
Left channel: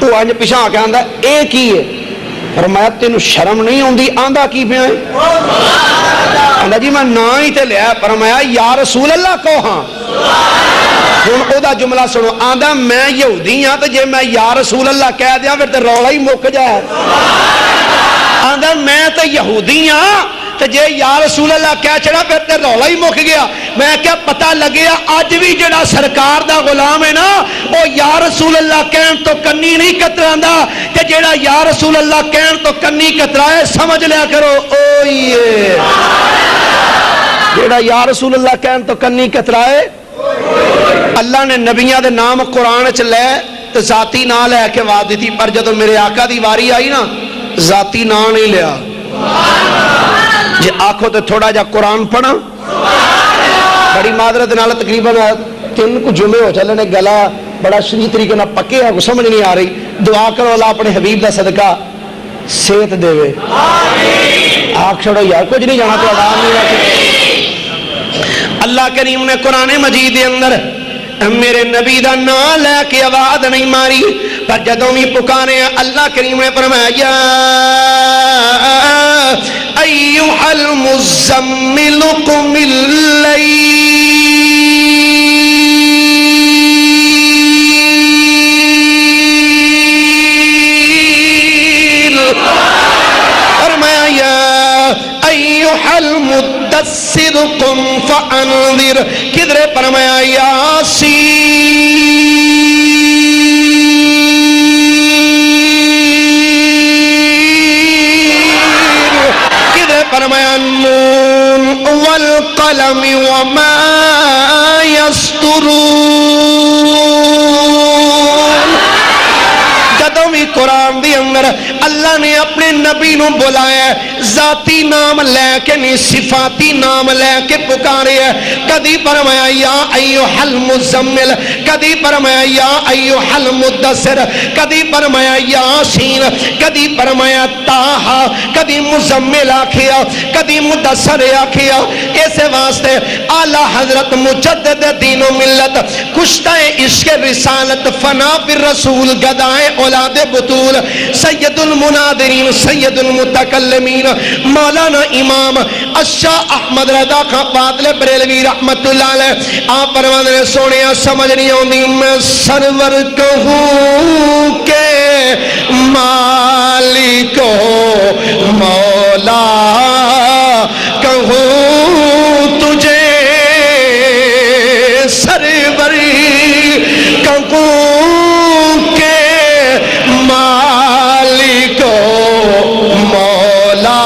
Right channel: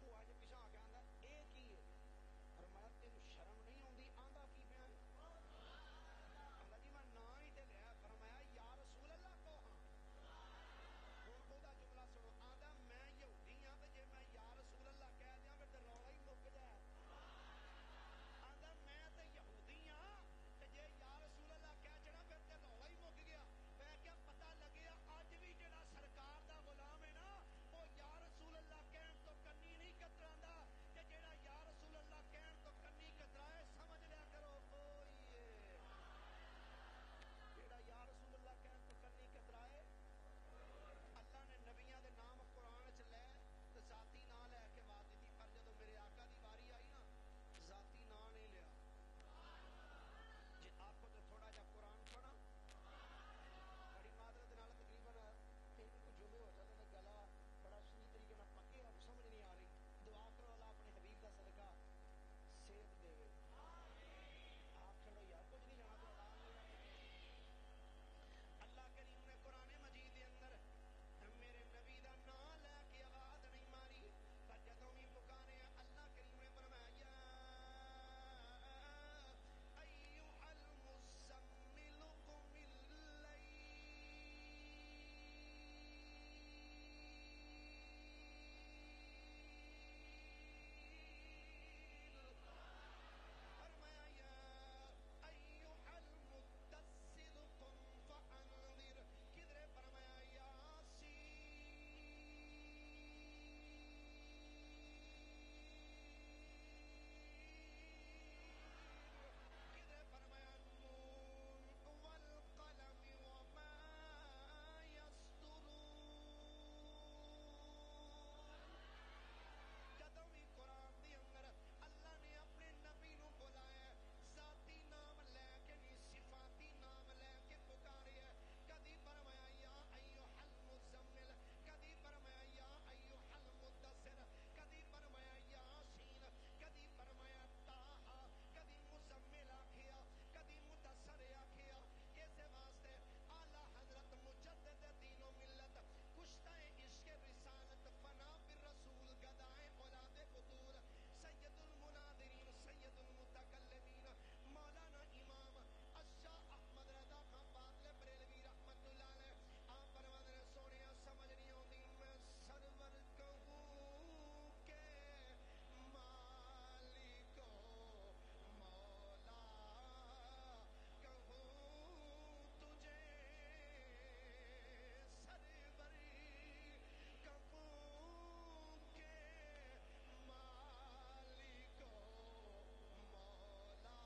وہ انج پیچھے آ کے آندا اے کی ہے؟ فرمایا تینوں شرم نہیں ہوندی آندا کی پیا ہے؟ آندا جی میں نا ہی تے لیا۔ فرمایا یا رسول اللہ کو ہاں۔ ہن او دا جملہ سنو، آندا میں یہودی ہاں تے جے میں یا رسول اللہ کہہ دیاں پھر تے رولا ہی مک جائے۔ آندا میں تے یہودی ہاں تے جے یا رسول اللہ کہہ چھڑا پھر تے رولا ہی مک گیا۔ میں کیا پتہ لگیا اج بھی جڑا سرکار دا غلام ہے نا او یا رسول اللہ کہن تو کنی نہیں کتراندا، تے جڑا یا رسول اللہ کہن تو کنی کترائے سمجھ لیا کرو اوئے جڑا یا رسول اللہ کہن تو کنی کترائے۔ اللہ نے نبیاں دے نام قرآن چ لے تو ذاتی نام لے کے وعد دیتی، پر جدو میرے آقا دی واری آئی نا ذاتی نام نہیں لیا۔ جے آنکھوں تے تھوڑا جا قرآن پڑھا، بڑی معذرت نال تقریباً 3 کو جمعے ہو چلے نے گلا بڑا شریع طریقے نہ پکے ہے، سمجھ نہیں آ رہی، دعا کرو اللہ اپنے حبیب دا صدقہ صحت دے وے۔ آنکھ چھوڑو یار کچھ نہیں جانا تو آدام نہیں رکھے۔ اللہ کریم نے قرآن مجید دے اندر میرے نبی دا نام لے کے آواز نہیں ماری، پر جدوں بھی پکارے اللہ کریم نے فرمایا یا ایھا المزمل قم اللیل المدثر قم فانذر، کدھر فرمایا یاسین، کدھر فرمایا نون والقلم وما یسطرون۔ جدوں بھی قرآن دی اندر اللہ نے اپنے نبی نو بلایا ذاتی نام لے کے نہیں صفاتی نام لے کے پکارے ہے۔ کدی فرمایا یا ایھا المزمل، کدی فرمایا یا ایھا المدثر، کدی فرمایا یاسین، کدی فرمایا طٰہٰ، کدی مزمل آکھیا، کدی مدثر آکھیا۔ اس واسطے اعلی حضرت مجدد دین و ملت، کشتہ عشق رسالت، فنا پر رسول، گدائے اولاد بطول سید المنادرین سید المتکلمین مولانا امام الشاہ احمد رضا خان بادل بریلوی رحمت اللہ علیہ آپ فرماتے ہیں سونے سمجھ نہیں ہوندی میں سرور کہوں کہ مالک مولا کہوں تجھے سرور کہوں کہ مالک مولا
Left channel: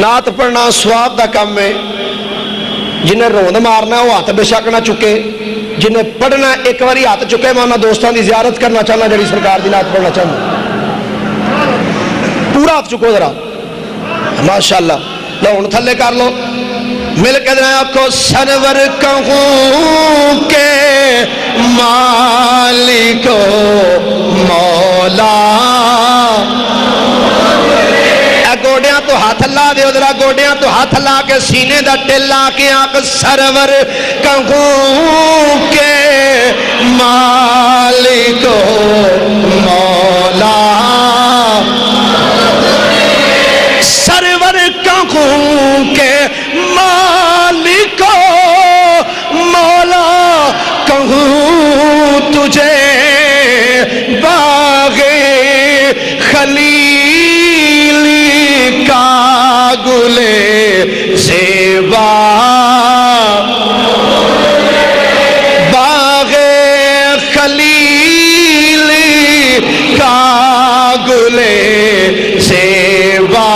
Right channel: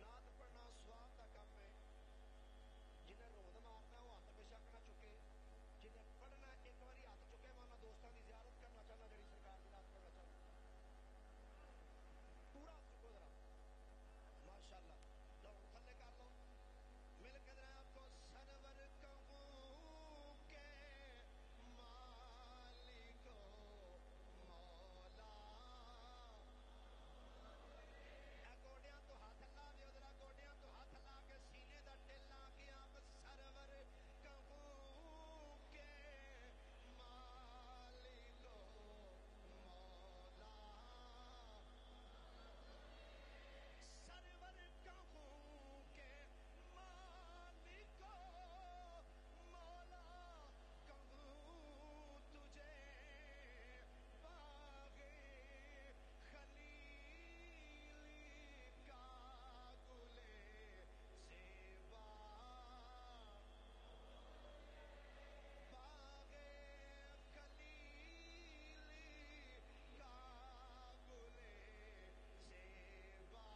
نعت پڑھنا سواب دا کام ہے جنہیں روند مارنا وہ ہاتھ بے شک نہ چکے جنہیں پڑھنا ایک باری ہاتھ چکے میں انہاں دوستان دی زیارت کرنا چاہنا جڑی سرکار دی نعت پڑھنا چاہنا پورا ہاتھ چکو ذرا ماشاءاللہ لو ان تھلے کر لو مل کے دنیا کو سرور کہوں کہ مالک مولا گوڑیاں تو ہاتھ اللہ دے ادھرا گوڑیاں تو ہاتھ اللہ کے سینے دا ٹلا کے آنکھ سرور کہوں کہ مالک مولا سرور کہوں کہ مالک مولا کہوں تجھے باغ خلیل گلے زیبا باغ خلیل کا گلے زیبا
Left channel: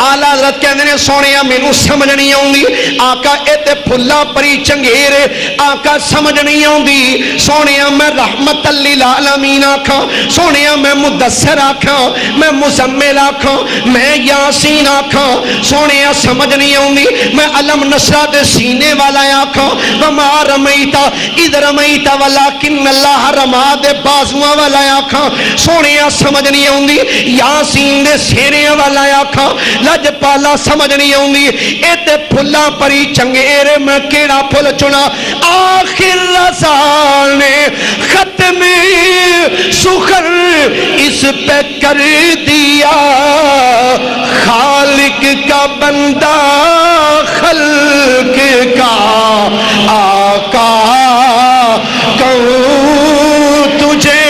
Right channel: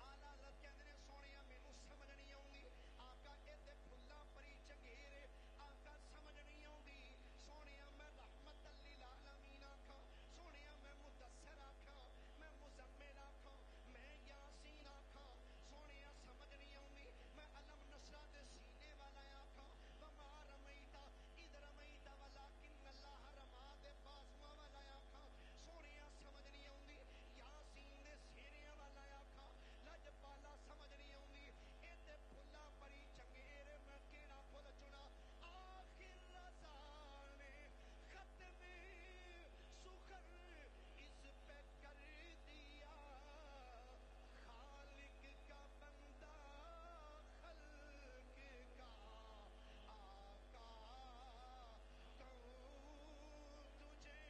آلہ حضرت کہندے نے سونیا مینوں سمجھ نہیں آؤندی آقا اتے پھلا پری چنگیرے آقا سمجھ نہیں آؤندی سونیا میں رحمت للعالمین آکھاں سونیا میں مدثر آکھاں میں مزمل آکھاں میں یاسین آکھاں سونیا سمجھ نہیں آؤندی میں علم نشرہ دے سینے والا آکھاں وما رمیتا اذ رمیتا ولیکن اللہ رما دے بازواں والا آکھاں سونیا سمجھ نہیں آؤندی یاسین دے سینے والا آکھاں لج پالا سمجھ نہیں آؤندی اتے پھلا پری چنگیرے میں کیڑا پھل چنا آخر رضا نے ختم سخر اس پہ کر دیا خالق کا بندہ خلق کا آقا کہوں تجھے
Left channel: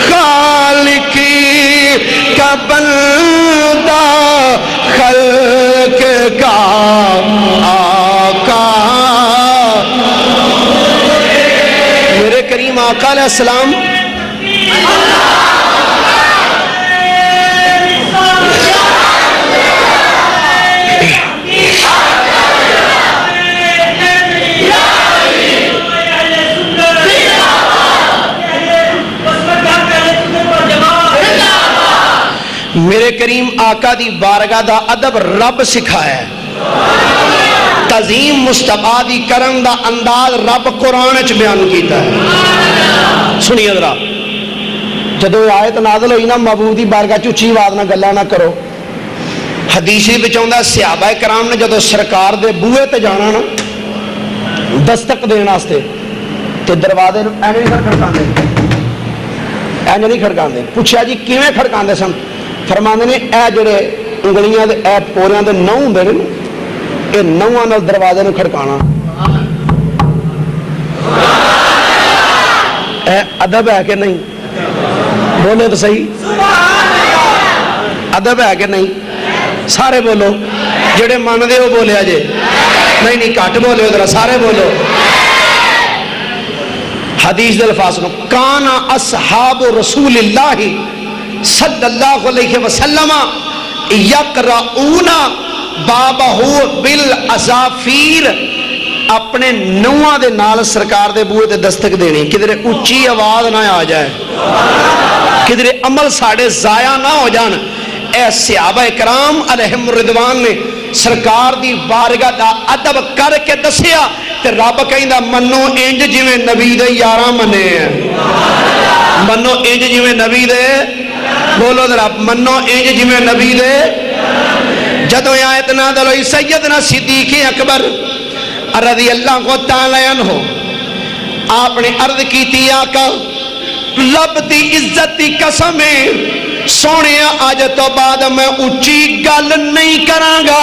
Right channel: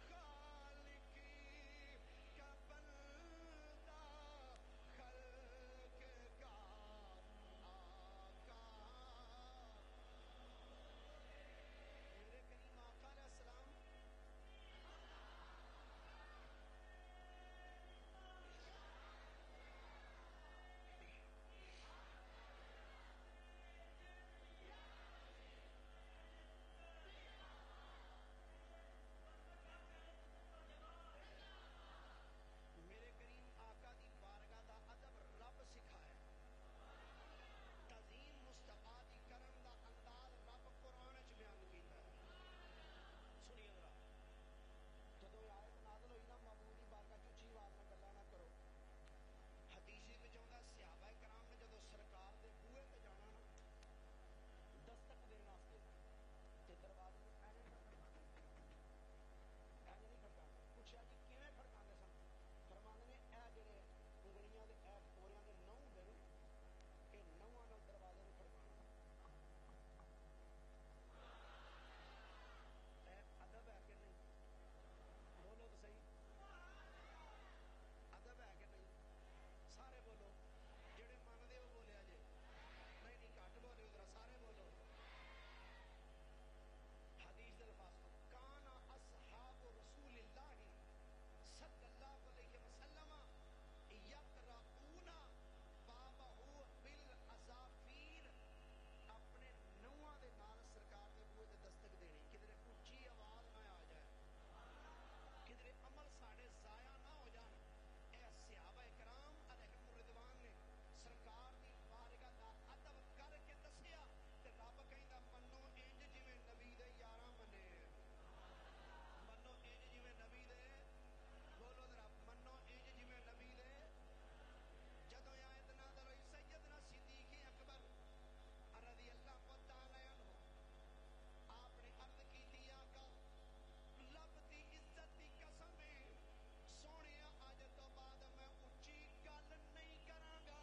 خالق کا بندہ خلق کا آقا علیہ السلام میرے کریم آقا دی بارگاہ دا ادب رب سکھایا ہے تعظیم مصطفیٰ دی کرن دا انداز رب قرآن اچھ بیان کیتا ہے سنیے ذرا جدو آیت نازل ہوئی نا محبوب دی بارگاہ چوچی آواز نہ گلا نہ کرو حدیثی بچاؤں صحابہ کرام نے جدو سرکار دے بوئے تے جانا نا دستک دینا آستے تے دروازے اینجے نہیں کھڑکان دے اینجے نہیں کھڑکان دے پوچھا جی کیویں کھڑکان دے سن فرماندے نے اے جڑے انگلیاں دے اے پوریاں دے نو ہوندے نے اے نواں نال دروازے نوں کھڑکانا اے ادب ہے کہ نہیں بولو تو صحیح ادب ہے کہ نہیں سارے بولو جڑے مان دے ہو بولے آجے نہیں نہیں کٹ بولے ادھر سارے بولو حدیث دل فاصلوں کانا اصحاب رسول اللہ صلی اللہ علیہ وسلم یقرؤون بابہو بالعزافیر اپنے نواں دے نال سرکار دے بوئے تے دستک دینی کدھر اچھی آواز نہ آ جائے کدھر عمل ساڑھے ضائع نہ ہو جان اے صحابہ اکرام علیہم الرضوان نے سرکار دی بارگاہ دا ادب کر کے دسیا تے رب کہیں دا منو انج جویں نبی دے یاراں منے ہیں منو انج جویں نبی دے بولو ذرا منو انج جویں نبی دے جدو آیت نازل ہوئی سیدنا صدیق اکبر رضی اللہ تعالی عنہ آپ نے عرض کی تھی آقا لب دی عزت دی قسم ہے سونے آج تو بعد میں اچھی گل نہیں کرانگا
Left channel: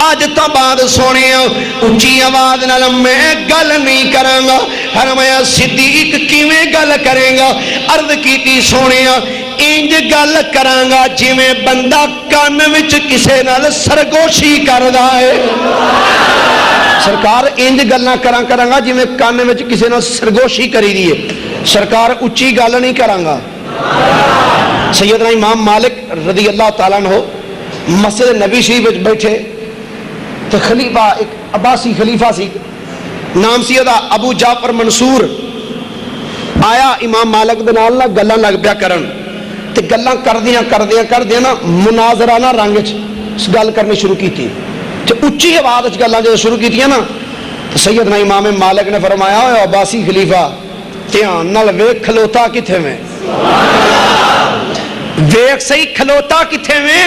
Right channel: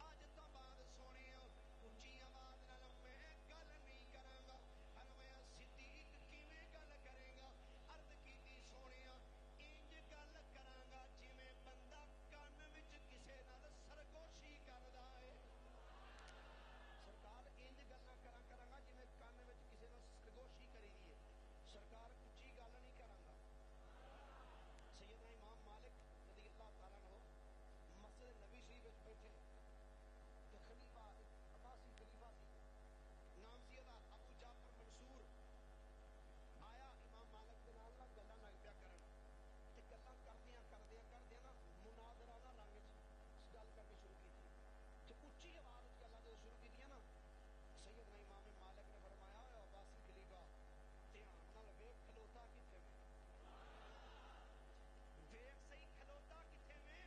آج تو بعد سونے اچھی آواز نال میں گل نہیں کرانگا فرمایا صدیق کیویں گل کریں گا عرض کی تھی سونے انج گل کرانگا جی میں بندہ کان وچ کسے نال سرگوشی کردا ہے سرکار انج گلنا کرانگا جی میں کان وچ کسے نال سرگوشی کری دیئے سرکار اچھی گل نہیں کرانگا سیدنا امام مالک رضی اللہ تعالیٰ عنہ مسجد نبی شریف وچ بیٹھے تو خلیفہ ایک عباسی خلیفہ سی نام سیدہ ابو جعفر منصور آیا امام مالک دے نال گلاں لگ پیا کرن تے گلاں کردیاں نا مناظرانہ رنگ وچ گل کرنی شروع کیتی تے اچھی آواز وچ گلاں جو شروع کیتیاں نا تو سیدنا امام مالک نے فرمایا اے عباسی خلیفہ دھیان نال ویکھ کھلوتا کتھے میں ویکھ صحیح کھلوتا کتھے میں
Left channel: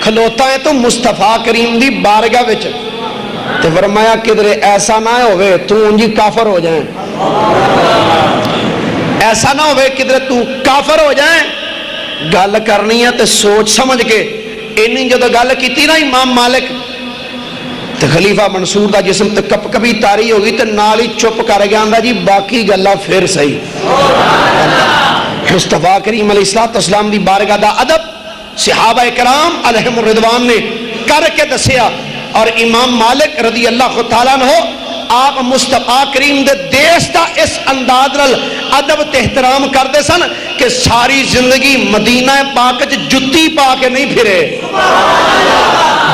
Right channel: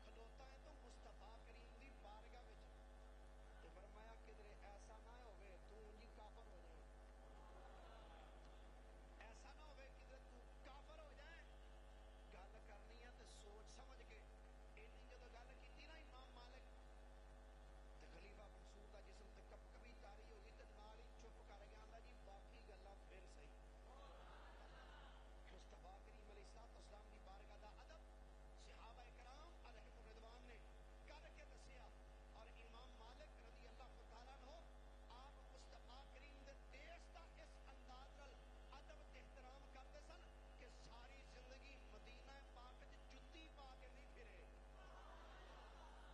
کھلوتا ہے تو مصطفیٰ کریم دی بارگاہ وچ تو فرمایا کدھر ایسا نہ ہوئے تو انجی کافر ہو جائیں ایسا نہ ہوئے کدھر تو کافر ہو جائیں گل کرنی ہے تو سوچ سمجھ کے انہی جو گل کی تھی نا امام مالک تو خلیفہ منصور دا جسم تو کپ کبھی تاری ہوگی تو نالی چپ کر گیا اندھا جی باقی گلہ پھر صحیح مصطفیٰ کریم علیہ السلام دی بارگاہ دا ادب صحابہ اکرام علیہم الرضوان نے کر کے دسیا اور امام مالک رضی اللہ تعالیٰ عنہ آپ مصطفیٰ کریم دے دیس دا اس انداز رل ادب تحترام کر دے سن کہ ساری زندگی مدینہ پاک جتی پا کے نہیں پھرے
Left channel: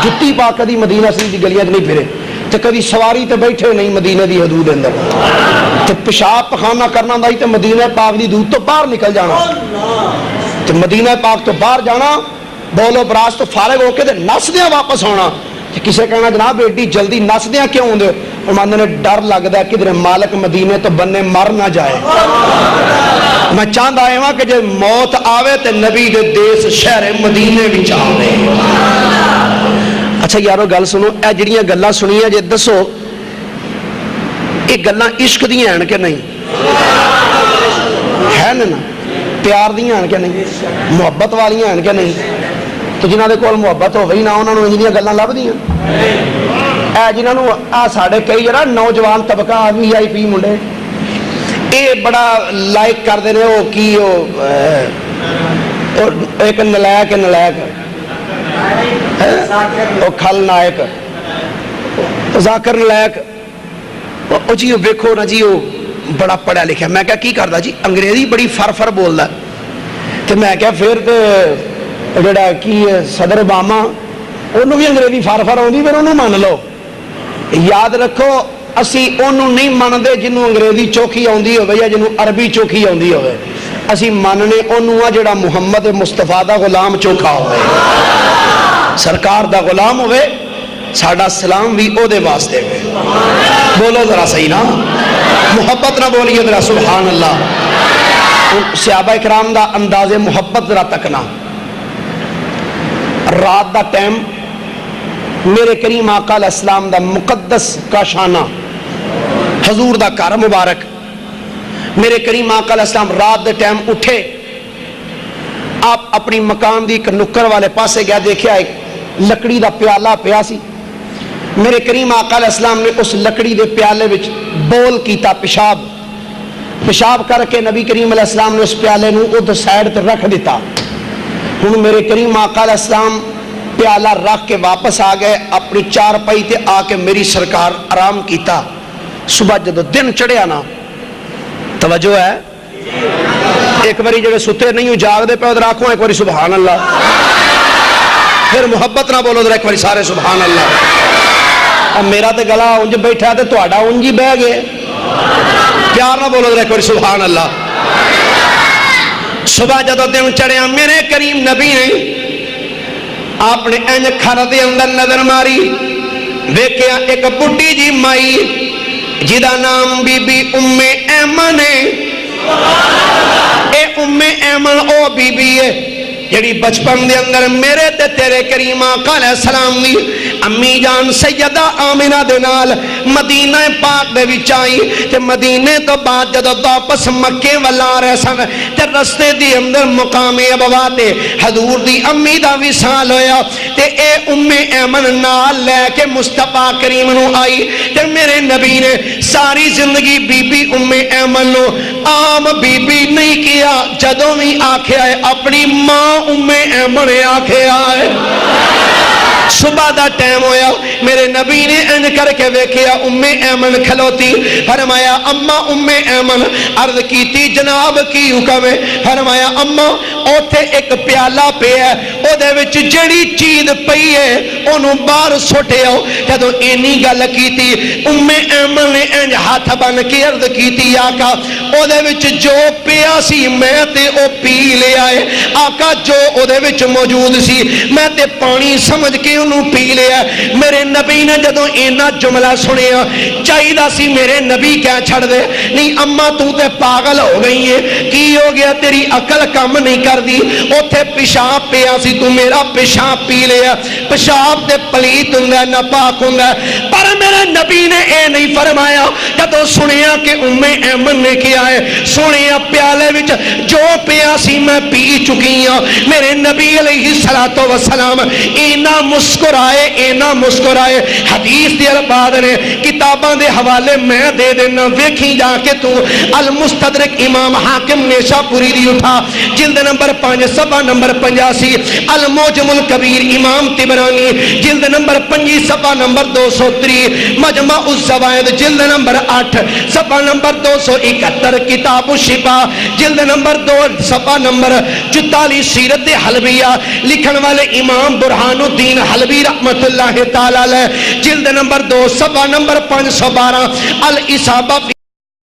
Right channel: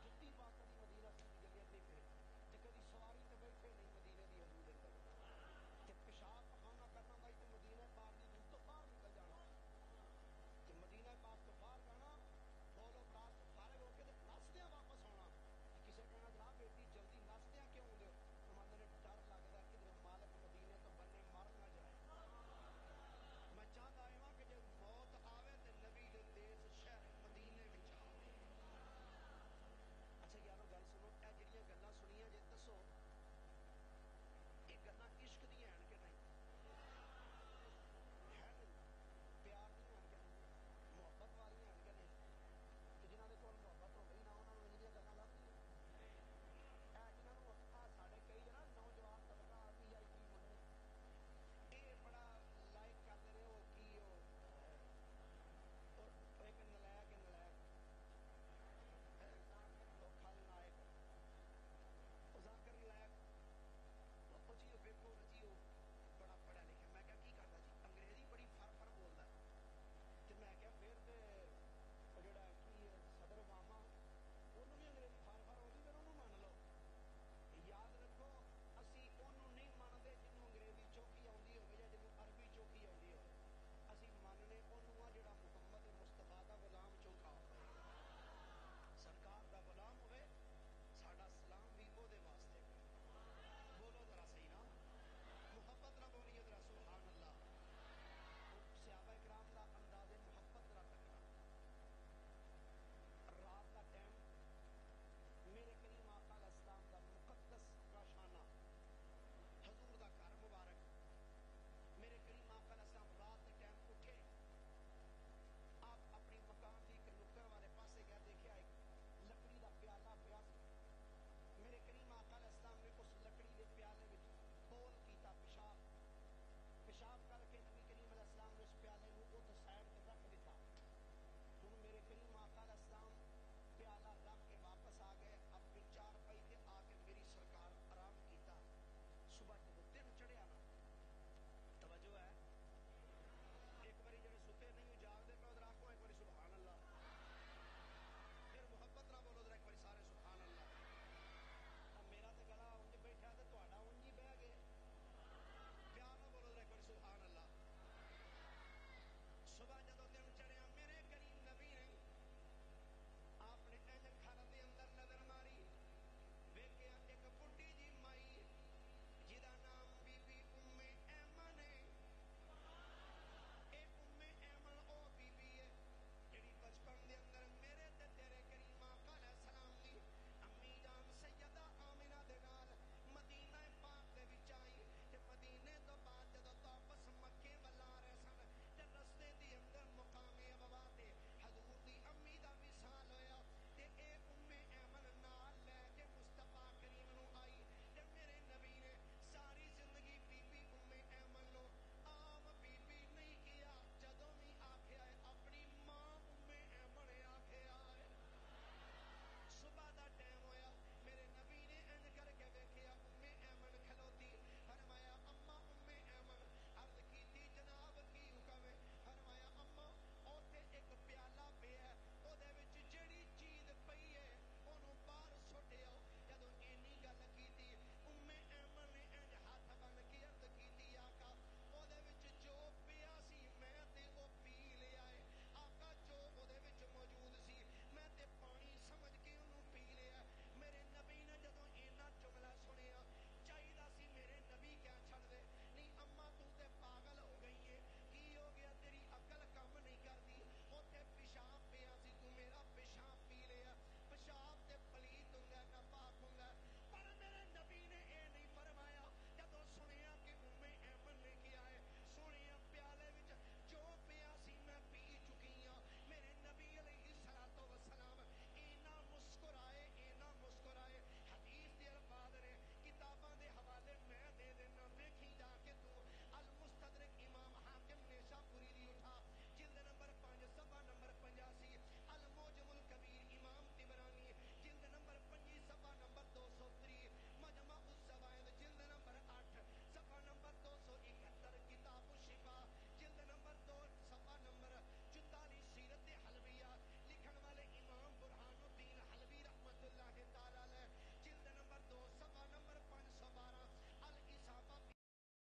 جتی پا کدی مدینہ سے دی گلیاں نہیں پھرے تو کدی سواری تے بیٹھے نہیں مدینہ دی حدود اندر تو پیشاب پخانہ کرنا دائی تو مدینہ پاک دی حدود تو باہر نکل جانا تو مدینہ پاک تو باہر جانا بولو براز تو فارغ ہو کے نس دیاں واپس ہونا کسے کہنا جناب ایڈی جلدی نس دیاں کیوں ہوں دے فرماندے نے ڈر لگ دا کہ مالک مدینے تو بننے مر نہ جائے میں چاند آئے ہاں کہ جب موت آوے تے نبی دے دیس شہر مدینے بھی چاہے اچھا یارو گل سنو اے جڑیاں گلاں سنیاں جے دسو ایک گلاں عشق دیاں ہیں کہ نہیں ہے نا پیار دیاں ہیں کہ نہیں محبت والیاں ہیں کہ نہیں تو جنہاں دے کول محبت ہو گئی نہ انہاں نوں انجیاں گلاں لب دیاں اے جنہاں نوں آ ساڈے کئی جڑا نوجوان طبقہ وی آئی پی منڈے اے بڑا لائک کردے نے او کی او ایک نلائک او کھل نائک ذاکر نلائک او جی ویکھو نا جی او بڑا پڑھا لکھا میں کہا کی کردا جی انگریزی بڑی فر بولدا تو میں کہا پھر تو جڑا کی صدر اوباما انہوں بھی انگریزی فر ہوندی پھر انہوں مان لو یاد رکھو اسی انہوں نہیں ماندے جنہوں انگریزی چوکھی آندی ہوئے یا جنہوں عربی چوکھی آندی ہوئے اسی ماننے انہوں جڑا محمد مصطفیٰ دا غلام چوکھا ہوئے سرکار دا غلام ہوئے ساڑھا سلام بھی او دے واسطے ہوئے بولو ذرا صحیح نا محبت نہ بولیے ذرا سبحان اللہ صحابہ اکرام دا انداز محبت ذرا تکنا رات دا ٹائم میرے کریم آقا علیہ السلام دا مقدس کا شانہ حضور دا کار مبارک میرے کریم آقا علیہ السلام رات دے ٹائم اٹھے آپ اپنی مکان دی ایک نکر والے پاسے گیا دیکھیا ایک لکڑی دا پیالہ پیا سی میرے کریم آقا علیہ السلام نے اس لکڑی دے پیالے وچ بول کیتا پیشاب کر کے نبی کریم علیہ السلام نے اس پیالے نو ادھر سائیڈ تے رکھ دیتا ہن میرے کریم آقا علیہ السلام پیالہ رکھ کے واپس آ گئے اپنی چار پائی تے آ کے میری سرکار آرام کیتا صبح جدو دن چڑھیا نا توجہ ہے ایک باری جگہ ستے نہیں ہوں جاگ دے پہ ادھر آنکھوں ایک باری سبحان اللہ پھر محبت نہ بولو ادھر ایک باری سارے سبحان اللہ اب میرا تے گلا انج بیٹھا تے تو آڈا انجی بہ گئے پیار نہ بولو ادھر ایک باری سبحان اللہ صبح جدو دن چڑھیا میرے کریم نبی نے آپ نے اینج کھر دے اندر نظر ماری دیکھیا ایک بڑی جی مائی جدا نام بی بی ام ایمن ہے اے ام ایمن او بی بی ہے جڑی بچپن دے اندر میرے تے تیرے کریم آقا علیہ السلام دی امی جان سیدہ آمنہ دے نال مدینہ پاک دے وچ آئی تے مدینے تو بعد جدو واپس مکے والا رہ سن تے رستے دی اندر مقام ابوا تے حضور دی امی دا وصال ہویا تے اے ام ایمن نال لے کے مصطفیٰ کریم نو آئی تے میرے نبی نے ساری زندگی بی بی ام ایمن نو عام بی بی نہیں کیا جدوں بھی آکھیا ہے اپنی ماں ام ایمن آکھیا ہے صبح دا ٹائم ہویا میرے نبی نے انج کر کے ویکھیا ام ایمن کھلوتی فرمایا اما ام ایمن عرض کیتی جناب کی حکم ہے فرمایا اما اوتھے ایک پیالہ پہ ہے او دے وچ جڑی چیز پئی ہے اونوں باہر سٹے آؤ جدوں اینی گل کیتی ام ایمن نے انج ہاتھ بن کے عرض کیتی آقا او دے وچ جو پیا سی میں تے او پی لے آئے آقا جو او دے وچ موجود سی میں تے پانی سمجھ کے انہوں پی لیا میرے نبی نے جدوں اینا جملہ سنیا چاہیدہ سی میرے نبی کیا چھڑ دے نہیں اما تو تے پاگل ہو گئی ہے کی ہو گیا تیری عقل کم نہیں کر دی اوتھے پیشاب پیا سی تو میرا پیشاب پی لیا پیشاب تے پلیت ہوندا ناپاک ہوندا پر میرے نبی نے اے نہیں فرمایا جدوں سنیا کہ ام ایمن نے کیا ہے سنیا پیالے وچ جو پیا سی میں پی چکی ہوں میرے نبی علیہ السلام اینا مسکرائے حدیث دے الفاظ نے کتاباں دے حوالے میں دے دینا ویکھی جا کے تو المستدرک امام حاکم نیشاپوری دی اٹھا جلد نمبر 5 صفحہ نمبر 85 الموجم الکبیر امام طبرانی جلد نمبر 5 صفحہ نمبر 203 مجمع الزوائد جلد نمبر 8 صفحہ نمبر 271 کتاب الشفا جلد نمبر 2 صفحہ نمبر 44 سیرت حلبیہ لکھن والے امام برہان الدین حلبی رحمت اللہ تعالی علیہ جلد نمبر 2 صفحہ نمبر 512 الاصابہ